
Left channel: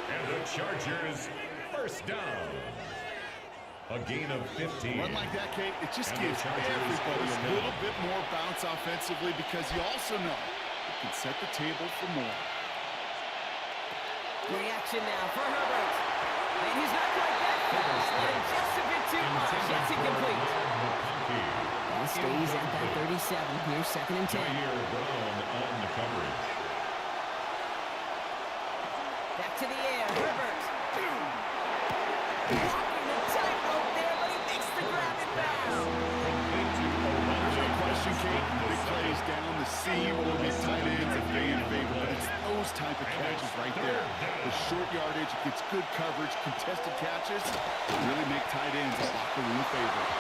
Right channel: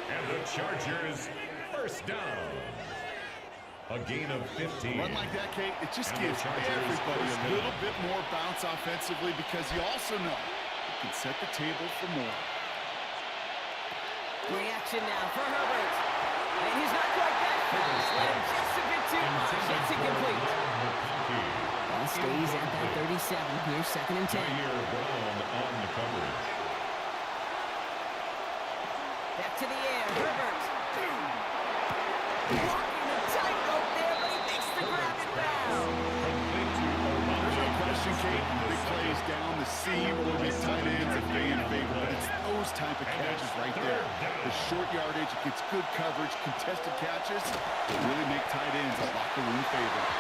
And the Chargers first down. A gain of 15. Run like that, Kate, it just gives everybody a little bit more bounce offensively because you also know it can set the table for more. Reaction now for Herbert. And he's not quite that fast. Let him just a bit too much. That's incomplete. Ball stays at that 37. Here's second and 10. Brown on the coverage. Back to the air. Herbert. Walking the tightrope there, but he makes the grab and bound. There's no question, Kate, the big plays down the seam or these tight ends if they in favor, but it's those type of catches right there. The short yardage, it gets good coverage, contested catches, really make tight ends a locker room favorite.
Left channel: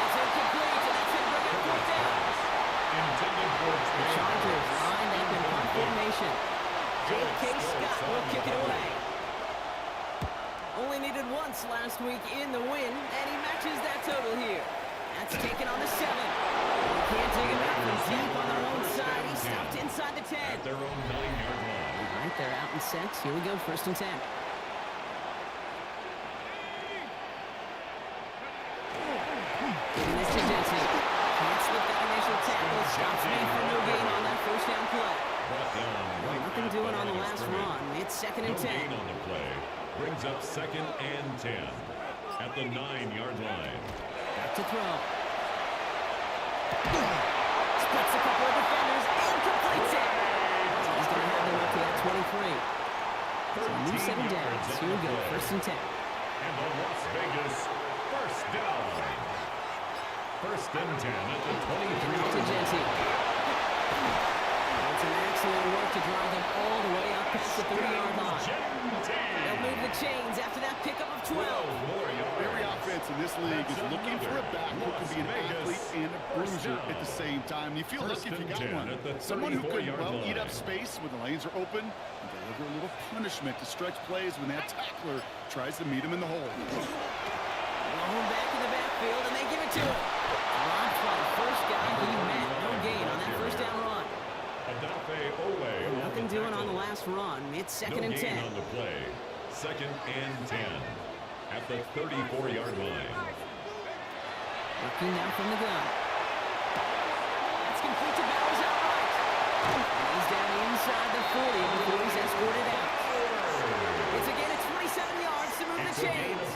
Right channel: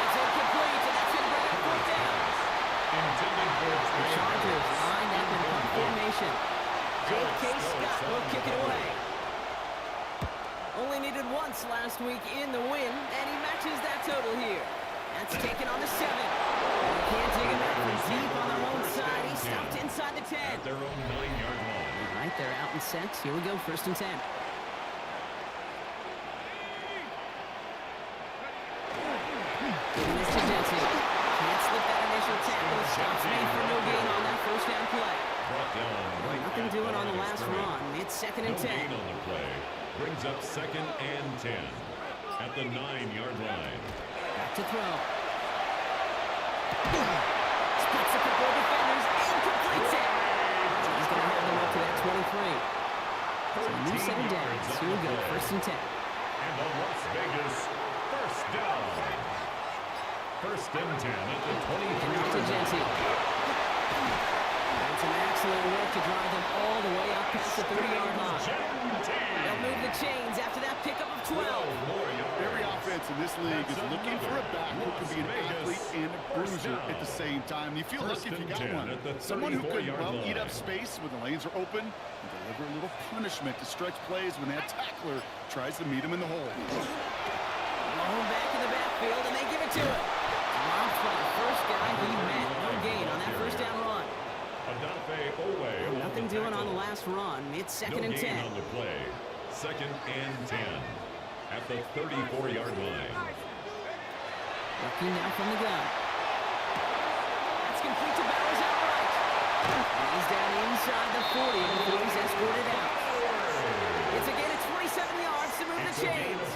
It's incomplete, and that's going to bring up fourth down. The Chargers lined up in punt formation. J.K. Scott will kick it away. Only needed once last week in the win, and he matches that total here. That's taken on the 7. They can't dig him out from deep on their own side. He's stopped inside the 10. At their own 9-yard line. All right, they're out in sets. Here we go, first and 10. Giving this to Dempsey. Can't slip that initial tackle. Stops made for no gain on that first down play. Nothing doing on the last run. It's second and 10. No gain on the play. Brings up second and 10 at the 9-yard line. Back to throw. Splits a couple of defenders and completes it. He's going to have them up to that 23. So a new set of downs. Here we go, first and 10. And the Las Vegas first down. First and 10 at the 23-yard line. It's an excellent work to drive them all the way up past the 30-yard line. They'll move the chains after that pickup of 12. Every offense in this league is looking for a back who can be an athlete and a bruiser at the same time. You feel lucky if you got one. Someone who can, well, eat up space when the lanes are open and deliver a little punishment to stretch plays when that tackler tries to meet him in the hole. Blown back in the backfield, and they give it to him. Dropped by the first guy he met. No gain on that first down run. Nothing doing on the last run. It's second and 10. On the play. Second and 10 at the 34-yard line. Looking now from the gun. That's complete to Bowers outright. And he's down inside the 40 before he's escorted out. It's a gain of 27 yards to move the chains.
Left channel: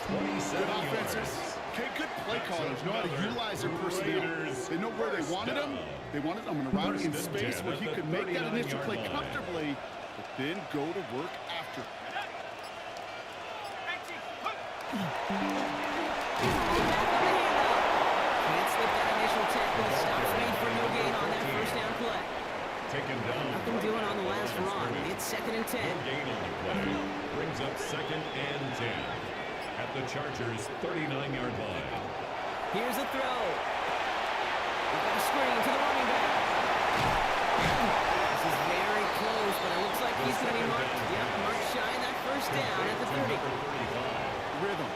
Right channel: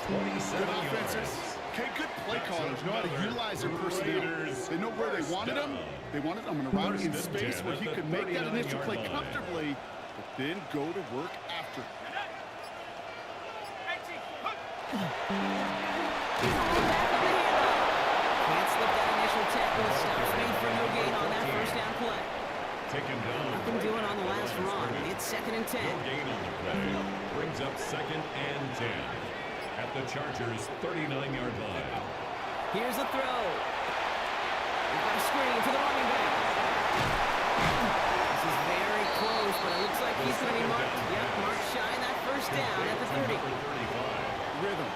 Good offenses. Okay, good play callers know how to utilize their personnel. They know where they wanted him. They wanted him on a route in space where he could make that initial play comfortably, but then go to work after. He's all back on the handoff. Can't slip that initial tackle. Stops made for no gain on that first down play. taken down. Nothing doing on the last run. It's 2nd and 10. No gain on the play. Brings up 2nd and 10 at the Chargers' 39-yard line. Here's the throw. We've got a screen to the running back. This is very close, but it looks like he's going to be marked. Yep, marked shy in that first down at the 30. Rhythm.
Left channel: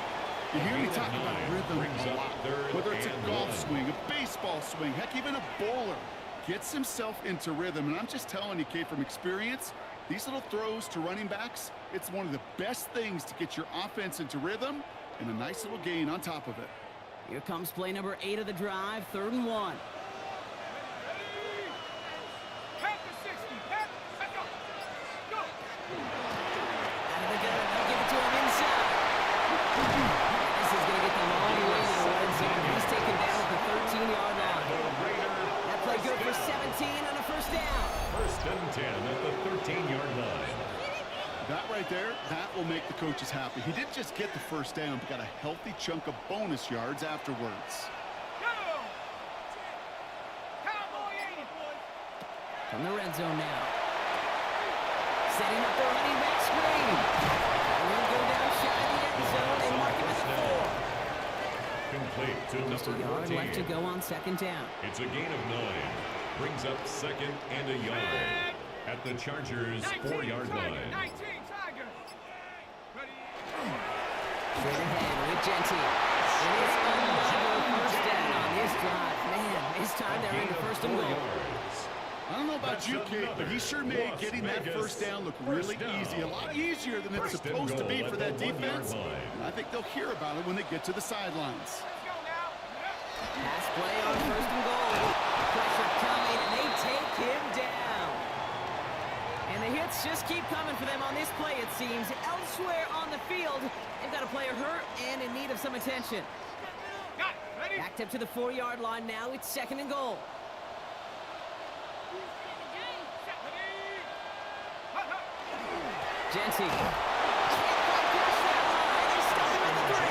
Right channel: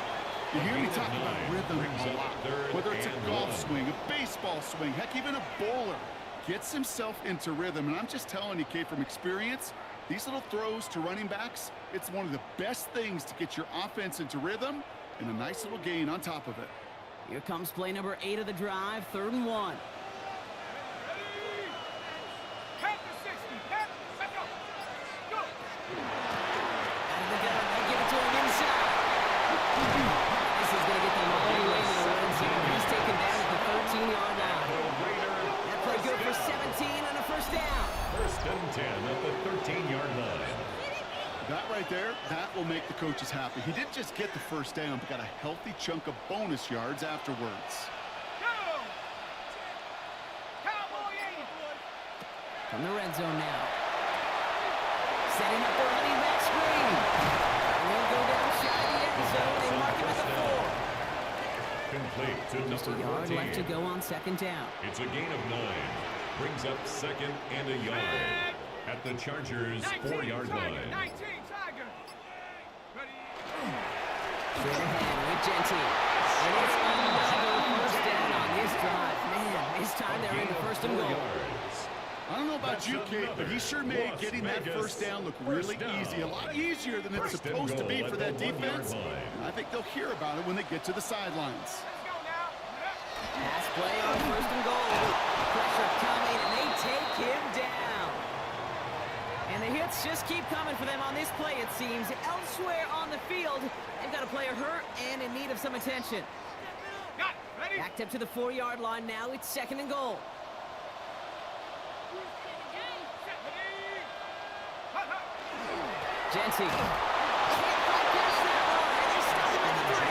You hear me talk about rhythm a lot. Whether it's a golf swing, a baseball swing, heck, even a bowler gets himself into rhythm. And I'm just telling you, Kate, from experience, these little throws to running backs, it's one of the best things to get your offense into rhythm and a nice little gain on top of it. Here comes play number 8 of the drive, 3rd and 1. Head to 60. Head. Let's go. Go. Out of the gun, they'll give it to him inside. This is going to get them all the way to the red zone. He's taken down at the 13-yard line. That play good for 17 and a first down. 1st and 10 at the 13-yard line. That right there, that will make the coaches happy. He didn't just get the first down, but got a healthy chunk of bonus yards afterwards. Go. Cowboy 80. From the red zone now. Setting up the running back screen. And he'll go down shy of the end zone and mark him at the 4. Complete to Just a number yard 14. left to go on 2nd down. It's a gain of 9. Brings up 2nd and a yard at the Chargers' 4-yard line. 19, Tiger. Ready. Straight ahead with Genty. And it's another first down on this drive. Man, this time they're into 1st and goal. I don't know about you, Kate, but he sure made getting that first down look really easy. A lot easier than it's supposed to be for that defense. And I think they'll hear about it when they get to the sidelines. Let's go now. Pass play on 1st and goal. Pressure coming, and they take him down. And the hits just keep coming for them on this play, it seems. Elsewhere on the field, they've got a player hurt and in need of some attention. Got it. Ready. Backed up to the 4-yard line now. It's 2nd and goal. Genty. Can't quite pass that line. They stop him at the 3.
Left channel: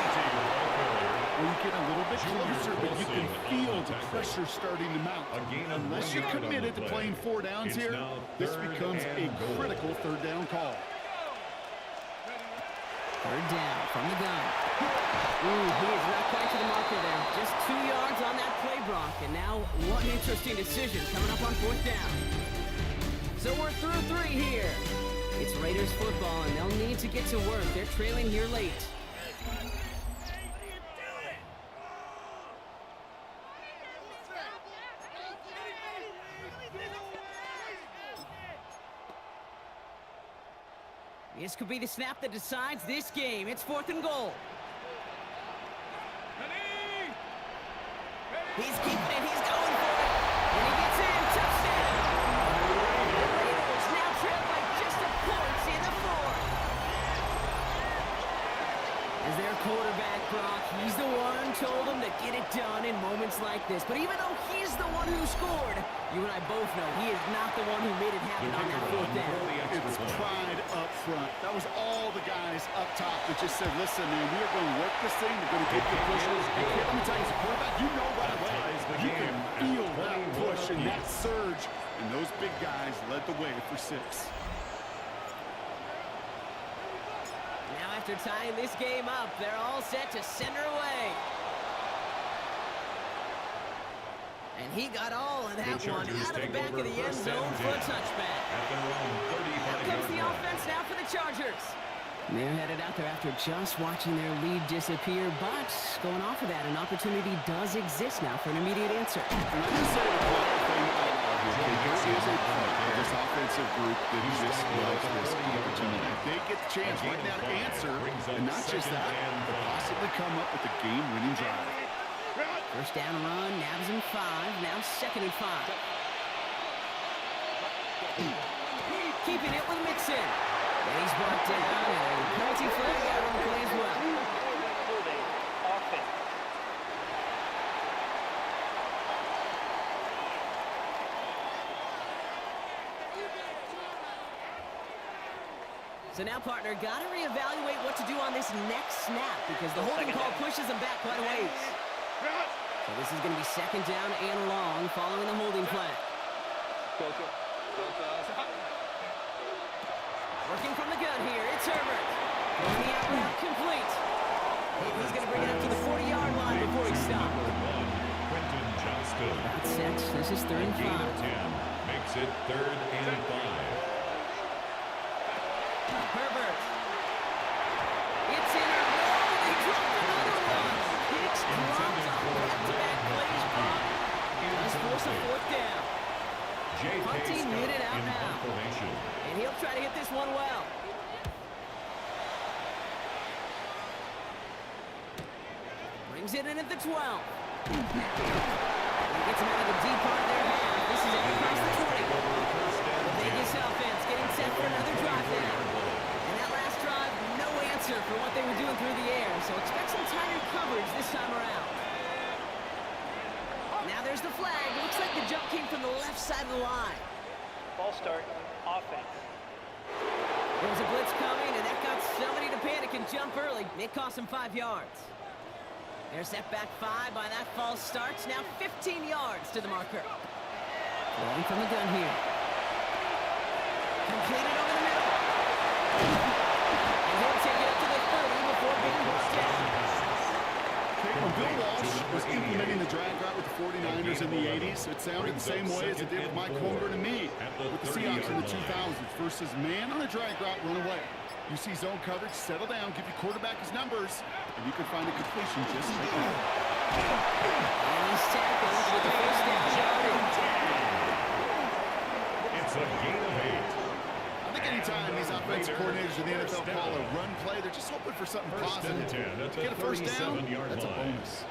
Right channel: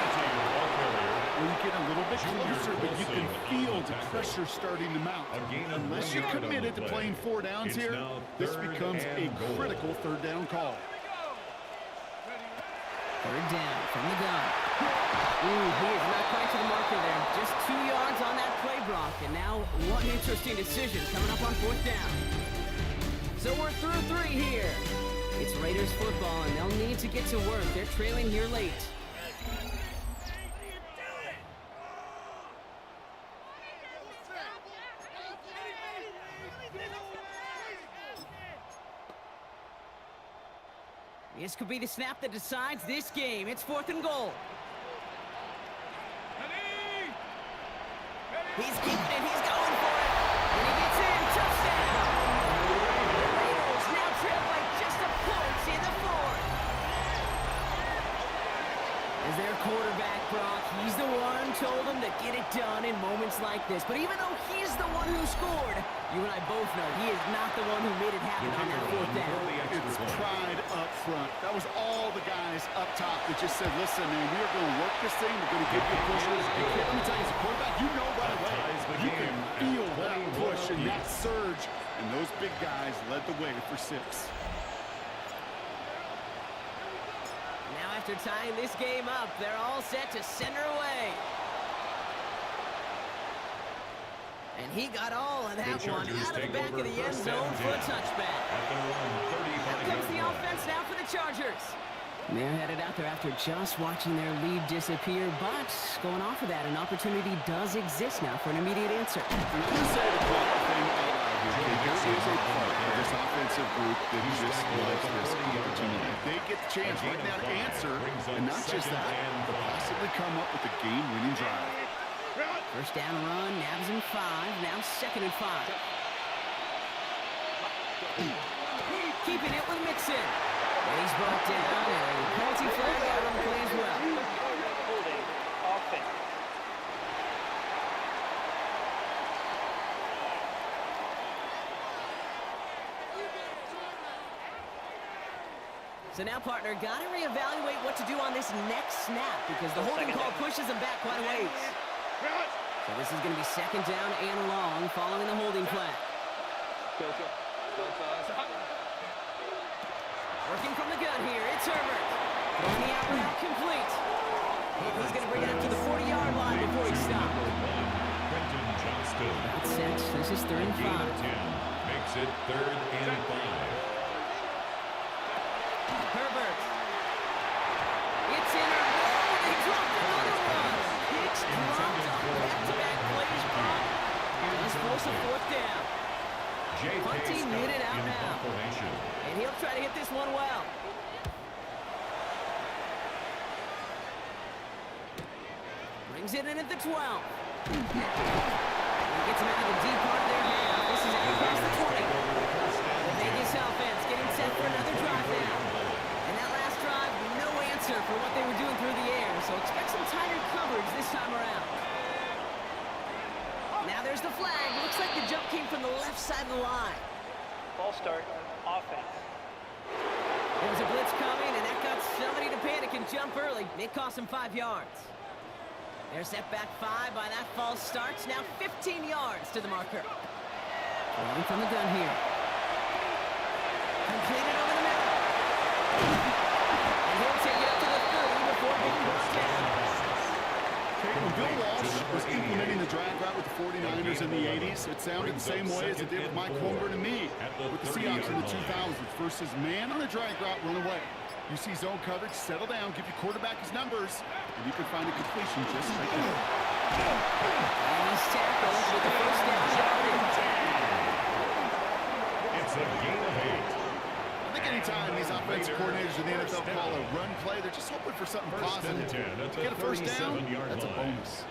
Well, you get a little bit closer, but you can feel the pressure starting to mount. Unless you're committed to playing 4 downs here, this becomes a critical 3rd down call. 3rd down from the gun. Ooh, he is not quite to the marker there. Just 2 yards on that play, Brock. And now one interesting decision coming up on 4th down. So we're through 3 here. It's Raiders football, and they'll need to get to work. They're trailing here late. This could be the snap that decides this game. It's 4th and goal. Ready. He's keeping it. He's going for it. And he gets in. Touchdown. The Raiders now trail by just a point in the 4th. As their quarterback, Brock, he's the one told them to get it done in moments like this. But even though he's the one who scored, you and I both know he is not the one who made it happen on that 4th down. It's pride up front. That was all the guys up top that just said, listen, man, we are going to work this thing. We're going to give you a push. And kid, let me tell you, as a quarterback, you know right away. You can feel that push and that surge. And those big guys led the way for 6. Now after tying this game up, they're all set to send her away. And he got all of that one out of the back of the end zone for a touchback. Out comes the offense now for the Chargers. They're headed out there after just watching their lead disappear, but going off of that, an opportunity does exist now for an immediate answer. And I'm going to say the quiet thing out loud here. There is a part of this offensive group that just likes this opportunity. They get the chance right now to answer, and not just that, but possibly come up with a game-winning drive. First down run, nabs him 5, now 2nd and 5. Keeping it with Mixon. And he's brought down, and a penalty flag out on the play as well. Holding offense. So now, partner, got to reevaluate what to do on this next snap because the holding call pushes him back quite a ways. So this is going to be 2nd down and long following the holding flag. Go. Working from the gun here, it's Herbert. Throwing the out route complete. He's going to bring it up to the 40-yard line before he stops. Quentin Johnston. About 6. This is 3rd and 5. Gain of 10 makes it 3rd and 5. Herbert. It's in or no, they dropped another one. Hicks dropped on back-to-back plays, Brock. Does force a 4th down. J.K. Punting Scott unit out in now. formation. And he'll try to hit this one well. Brings it in at the 12. He gets him out of the deep part of their half. This is out across the 20. The Vegas offense getting set for another drive now. And that last drive, no answer for what they were doing through the air. So expect some tighter coverage this time around. Now there's the flag. Looks like the jump came from the left side of the line. Ball start, offense. There was a blitz coming, and that got somebody to panic and jump early. It cost him 5 yards. They're set back 5 by that false start. Now 15 yards to the marker. Throwing from the gun here. Completed over the middle. And he'll take it up to the 30 before being brought down. When Bill Walsh was implementing the drag route with the 49ers in the 80s, it sounded the same way as it did with Mike Holmgren and me with the Seahawks in the 2000s versus man on a drag route, run away. You see zone coverage, settle down, give your quarterback his numbers, and you can find a completion just like that. And he's tackled with the first down yardage. It's a gain of 8. I think anytime these offensive coordinators in the NFL call a run play, they're just hoping for something positive. To get a first down, that's a bonus.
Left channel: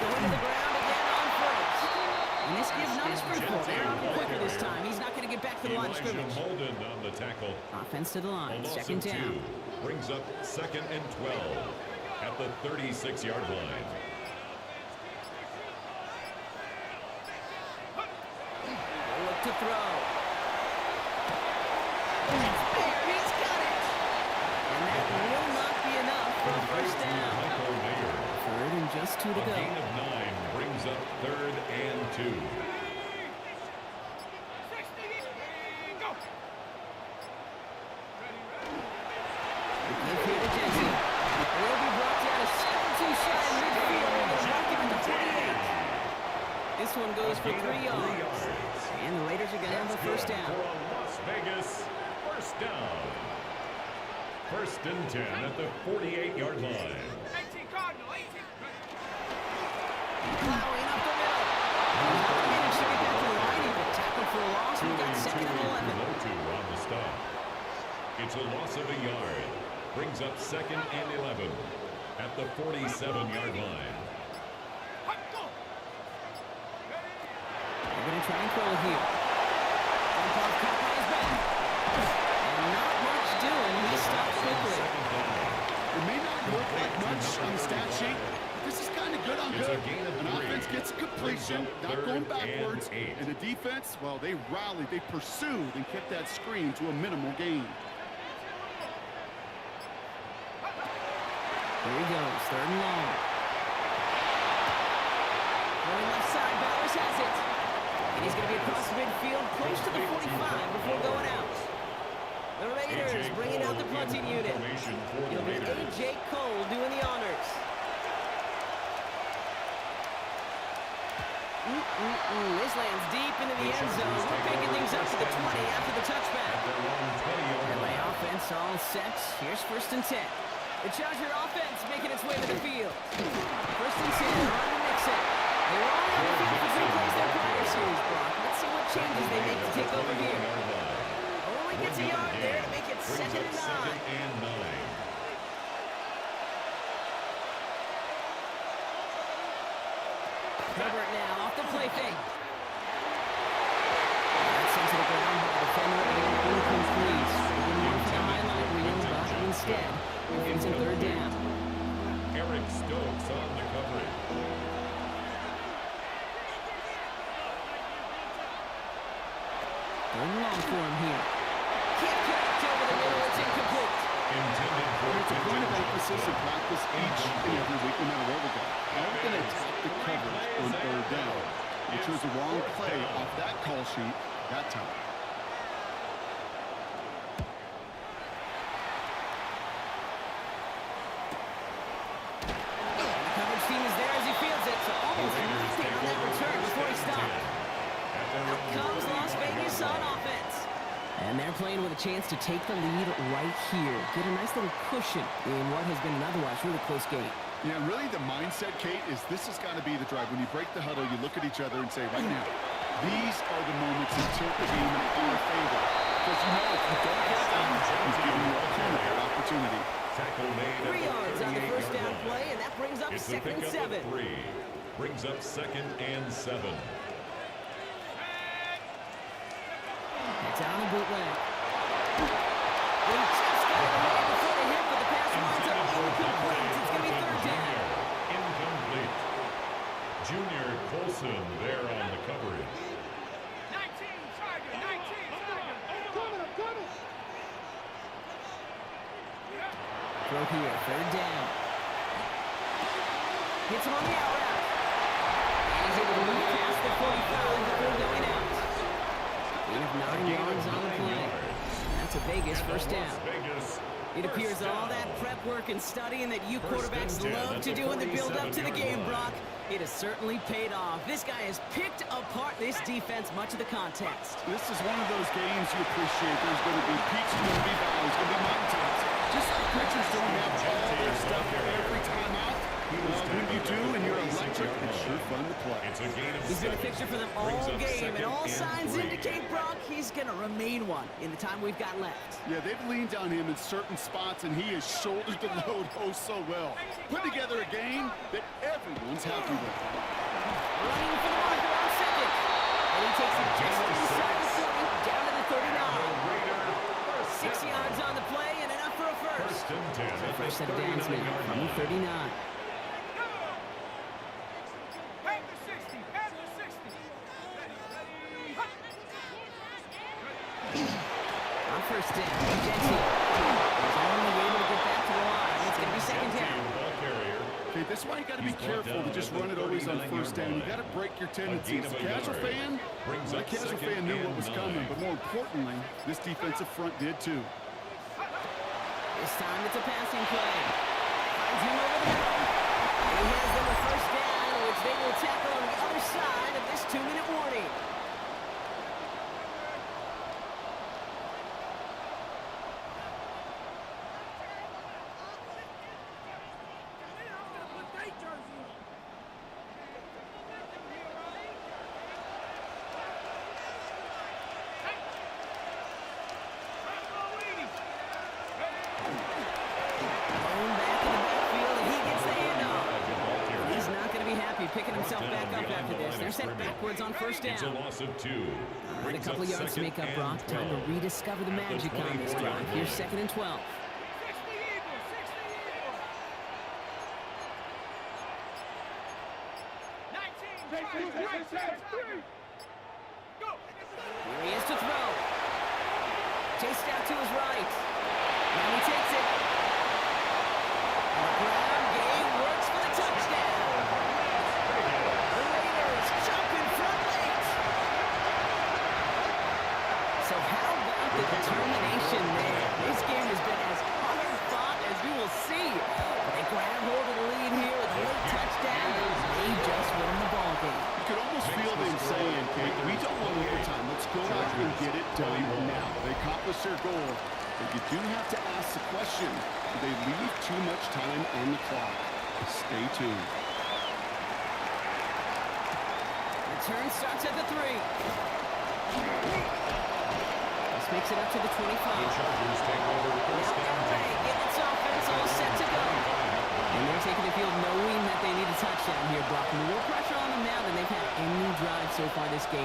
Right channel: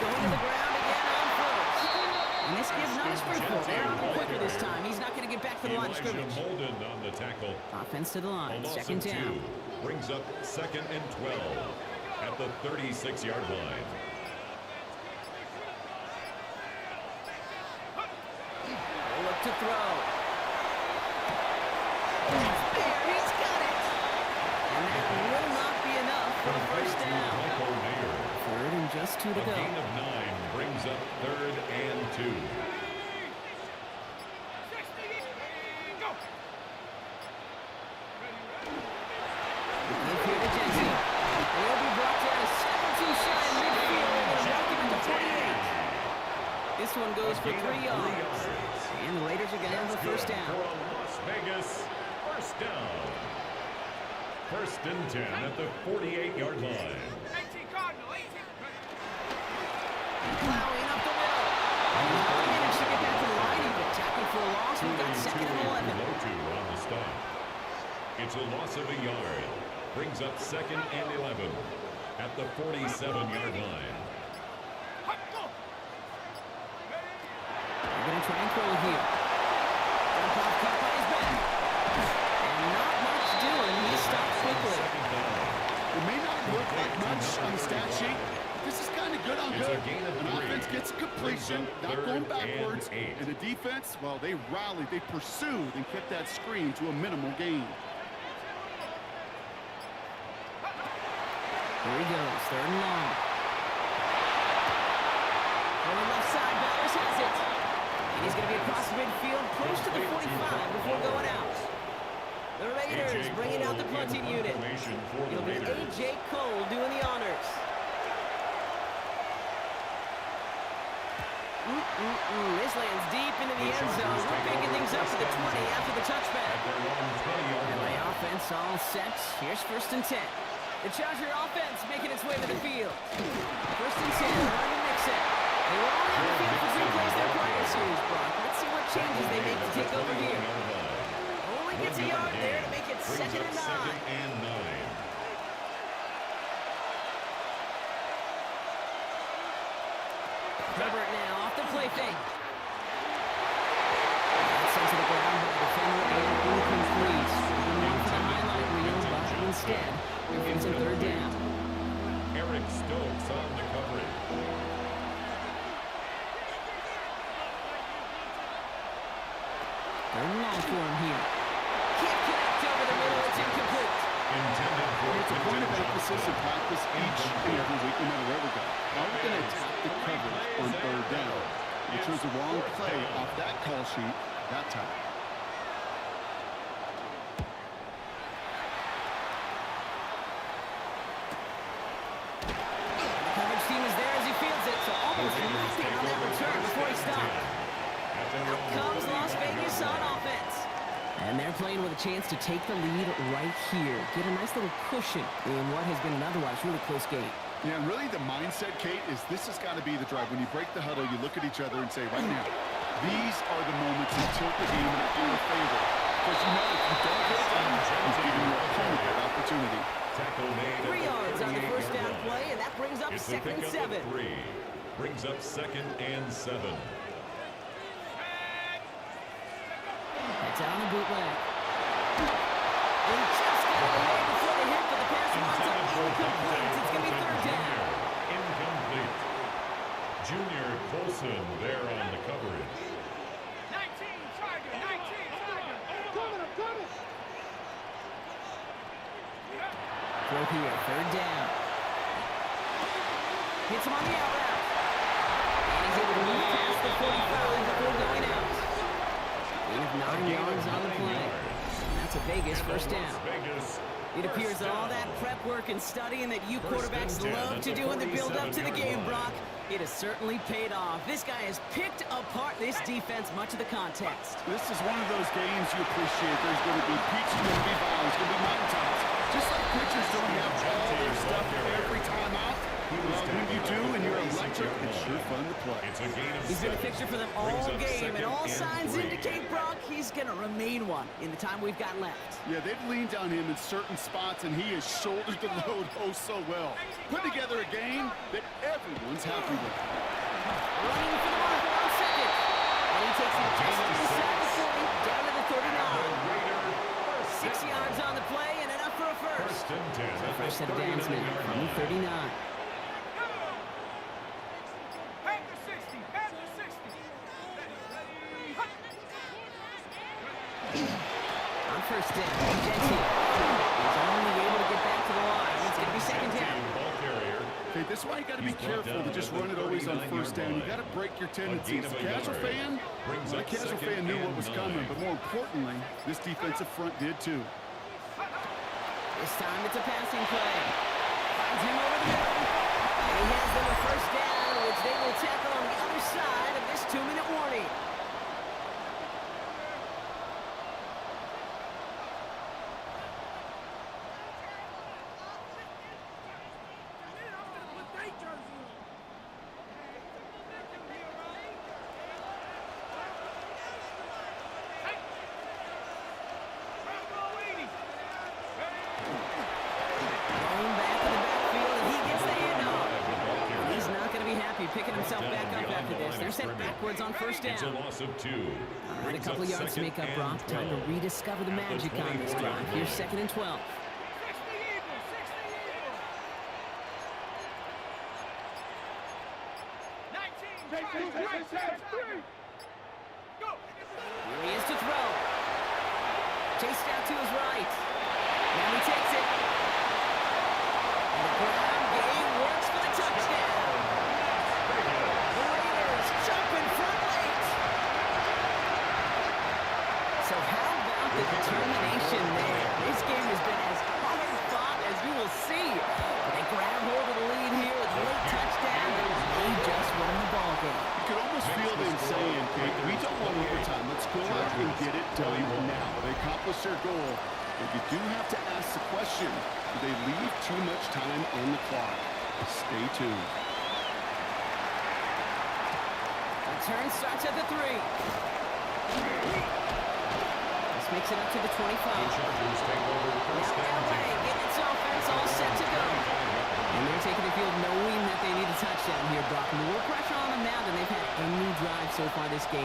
Going to the ground again on first. And this kid's not as fruitful. They're on him quicker this time. He's not going to get back to the line of scrimmage. Holden on the tackle. Offense to the line. A loss 2nd of 2 down. brings up 2nd and 12 at the 36-yard line. They'll look to throw. It's there. He's got it. And that will not be enough for a first down. Michael Mayer. 3rd and just 2 to A go. gain of 9 brings up 3rd and 2. Give here to Jensen. And he'll be brought down a step or 2 shy in midfield. And mark him at the 48. This one goes for 3 yards. And the Raiders are going to have a first down. For a Las Vegas first down. 1st and 10 at the 48-yard line. 18 Cardinal, 18. Plowing up the middle. And he's not managed to get back to the line even. Tackled for a loss. We've got 2nd and 11. On the stop. It's a loss of a yard. Brings up 2nd and 11 at the 47-yard line. They're going to try and throw it here. Jump off, caught by his back. And not much doing. He stopped quickly. It may not look like much on the stat sheet, but this is kind of good on It's a good. gain of An 3. offense gets a completion, not going backwards, and the defense, well, they rallied, they pursued, and kept that screen to a minimal gain. Here he goes, 3rd and long. Going left side, Bowers has it. And he's going to be across midfield, close to the 45 before going out. The Raiders bringing out the punting unit. It'll be A.J. Cole doing the honors. This lands deep into the end zone. We're picking things up to the 20 after the touchback. LA offense all set. Here's 1st and 10. The Charger offense making its way to the field. 1st and 10, they're on to Nixon. They were only on the field for 3 plays their prior series, Brock. Let's see what changes they make to take over here. Only gets a yard there to make it 2nd and 9. Herbert now off the play fake. That's sent to the ground by the defender and incomplete. Even one for the highlight reel, but instead, they're facing 3rd down. Eric Stokes on the coverage. Third and long for him here. Can't connect over the middle. It's incomplete. Intended for It's a point of contingent emphasis in practice each and every week, no matter where we go. How are we going to attack the coverage on third down? We chose the wrong play off that call sheet that time. The coverage team is there as he fields it, so almost nothing on that return before he stopped. Out comes Las Vegas on offense. And they're playing with a chance to take the lead right here. Get a nice little cushion in what has been an otherwise really close game. Yeah, and really the mindset, Kate, is this has got to be the drive. When you break the huddle, you look at each other and say, right now, these are the moments that tilt the game in our favor. Because you know if you don't get it done, he's giving your opponent that opportunity. Tackle made 3 yards on the first down play, and that brings up It's a second and pickup 7. of 3. Brings up 2nd and 7. It's out on the bootleg. They just got it away before they hit, but the pass winds up incomplete. It's going to be third down. Incomplete. Junior Colson there on the coverage. 19, Tiger, 19, Tiger. I'm coming. Throw here, third down. Hits him on the out route. And he's able to move past the 45 before going out. Gain of 9 yards on the play. That's a Vegas first down. It appears that all that prep work and studying that you quarterbacks love to do in the build-up to the game, Brock, it has certainly paid off. This guy has picked apart this defense much of the contest. This is one of those games you appreciate. There's going to be peaks, there's going to be valleys, going to be mountaintops. Just like pitchers don't have all their stuff every time out. Well, when you do and you're electric, it's sure fun to play. It's a gain of He's been a 7. fixture for them all Brings up game, and 2nd all signs 3. indicate, Brock, he's going to remain one in the time we've got left. Yeah, they've leaned on him in certain spots, and he has shouldered the load oh so well. Put together a game that everyone's happy with. Running for the marker on second. And he takes it just inside the 40, down to the 39. Raider, 6 yards on the play and enough for a first. 1st and 10 at First the set of downs now 39-yard from the line. 39. Panther 60, Panther 60. Ready. On first down, Gentile. He's only able to get back to the line. It's going to be second down. Ball carrier. Okay, this is why you got to be He's brought careful down to just at the run it always on 39-yard first down. You line. got to break your tendencies. A The gain of a casual yard. fan, Brings the up casual 2nd fan knew what and was coming, 9. but more importantly, this defensive front did too. This time it's a passing play. Finds him over the middle. And he has them a first down, which they will tackle on the other side of this 2-minute warning. Blown back in the backfield, and he gets the handoff. He's not going to be happy picking himself back up after this. They're sent backwards on first It's a down. loss of 2. All right, a Brings couple up yards to 2nd make up, and Brock. Time to 12. rediscover the At the magic on this 24-yard drive. Here's line. 2nd and 12. 60 Eagles, 60 Eagles. 19, Tiger, Go. Here he is to throw. Chased out to his right. Now he takes it. And the ground game works for the touchdown. The Raiders jump in front late. So how about the determination there? This game has been as hard fought as you will see. But they grab hold of the lead here with a late touchdown that may just win the ball game. You could almost feel them saying, Kate, we don't want overtime. Let's go out and get it done now. They accomplished their goal, but you do have to ask the question, do they leave too much time on the clock? Stay tuned. Return starts at the 3. This makes it up to the 25. Chargers take over first Now down. LA getting its offense all set to go. And they're taking the field knowing that they need a touchdown here, Brock. More pressure on them now than they've had any drive so far this game.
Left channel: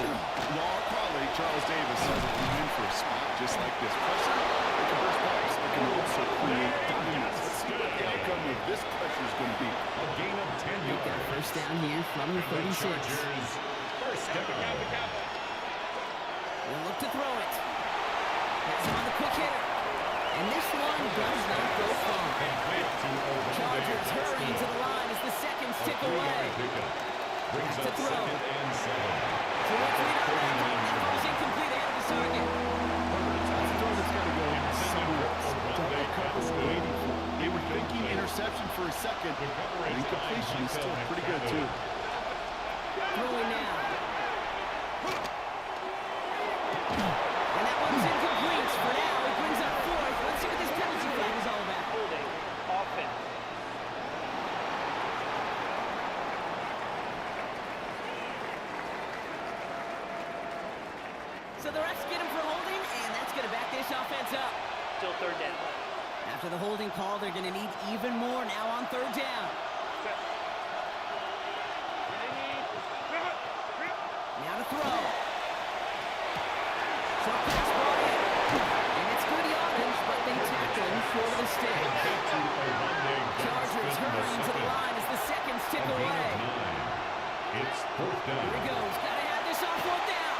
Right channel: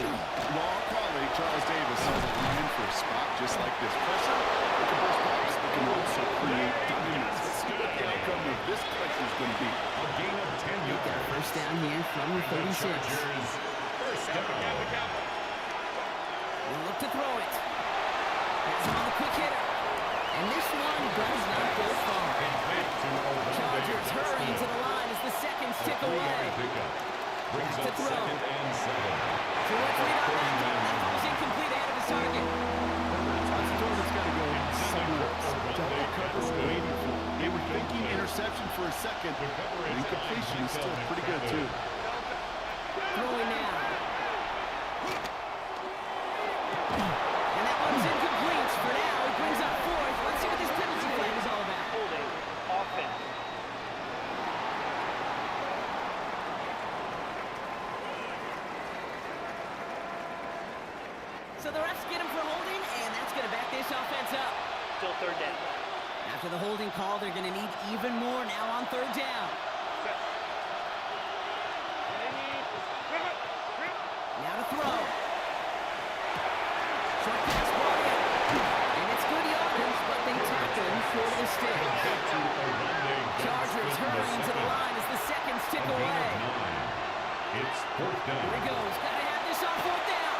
Well, our colleague, Charles Davis, has a line for a spot just like this. Pressure, it can burst pipes, it can also create diamonds. Let's see what the outcome of this pressure is going to be. A gain of 10 They've got yards. first down here from the The 36. Chargers, first down. They'll look to throw it. Hits him on the quick hitter. And this one does not go far. Complete to Ogunde. Chargers That's hurrying to good. the line as the seconds A tick 3-yard away. pickup. Brings Back to up throw. 2nd and 7. So what's lead on that throw? That falls incomplete ahead of his target. That's a throw that's got to go somewhere else. Ogunde. Double cover That's good. waiting for it. They were thinking interception for a second. The coverage And completion is by still Michael pretty good, too. Throwing now. And that one's incomplete. For now, it brings up 4th. Let's see what this penalty flag is all about. Holding. Offense. So the refs get him for holding, and that's going to back this offense up. Still third down. After the holding call, they're going to need even more now on 3rd down. Now to throw. Short pass brought in. And it's good yardage, but they tackle him short of the sticks. To Ogunde. Chargers hurrying to the line as the seconds tick A gain away. of 9. It's 4th down. Here he goes. Got to have this on 4th down.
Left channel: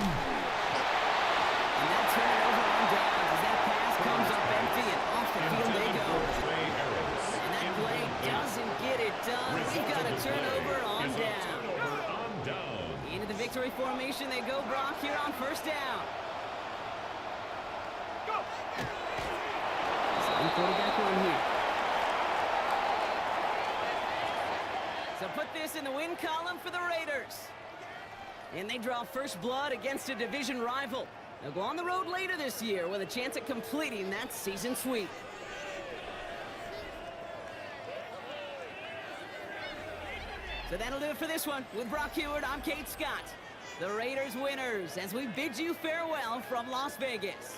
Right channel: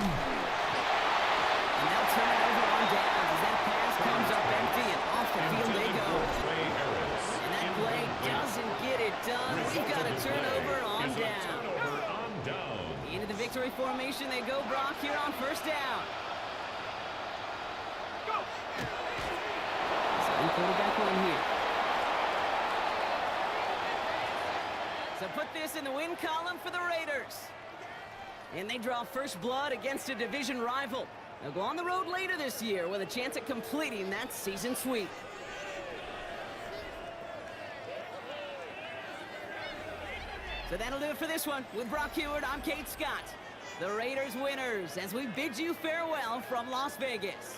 And they'll turn it over on downs as that pass comes up empty and off the field they go. Trey Harris. And that play doesn't get it done. We've got a turnover on Is a down. turnover on down. Into the victory formation they go, Brock, here on 1st down. Go! Second quarterback run here. So put this in the win column for the Raiders. And they draw first blood against a division rival. They'll go on the road later this year with a chance at completing that season sweep. So that'll do it for this one. With Brock Heward, I'm Kate Scott. The Raiders winners as we bid you farewell from Las Vegas.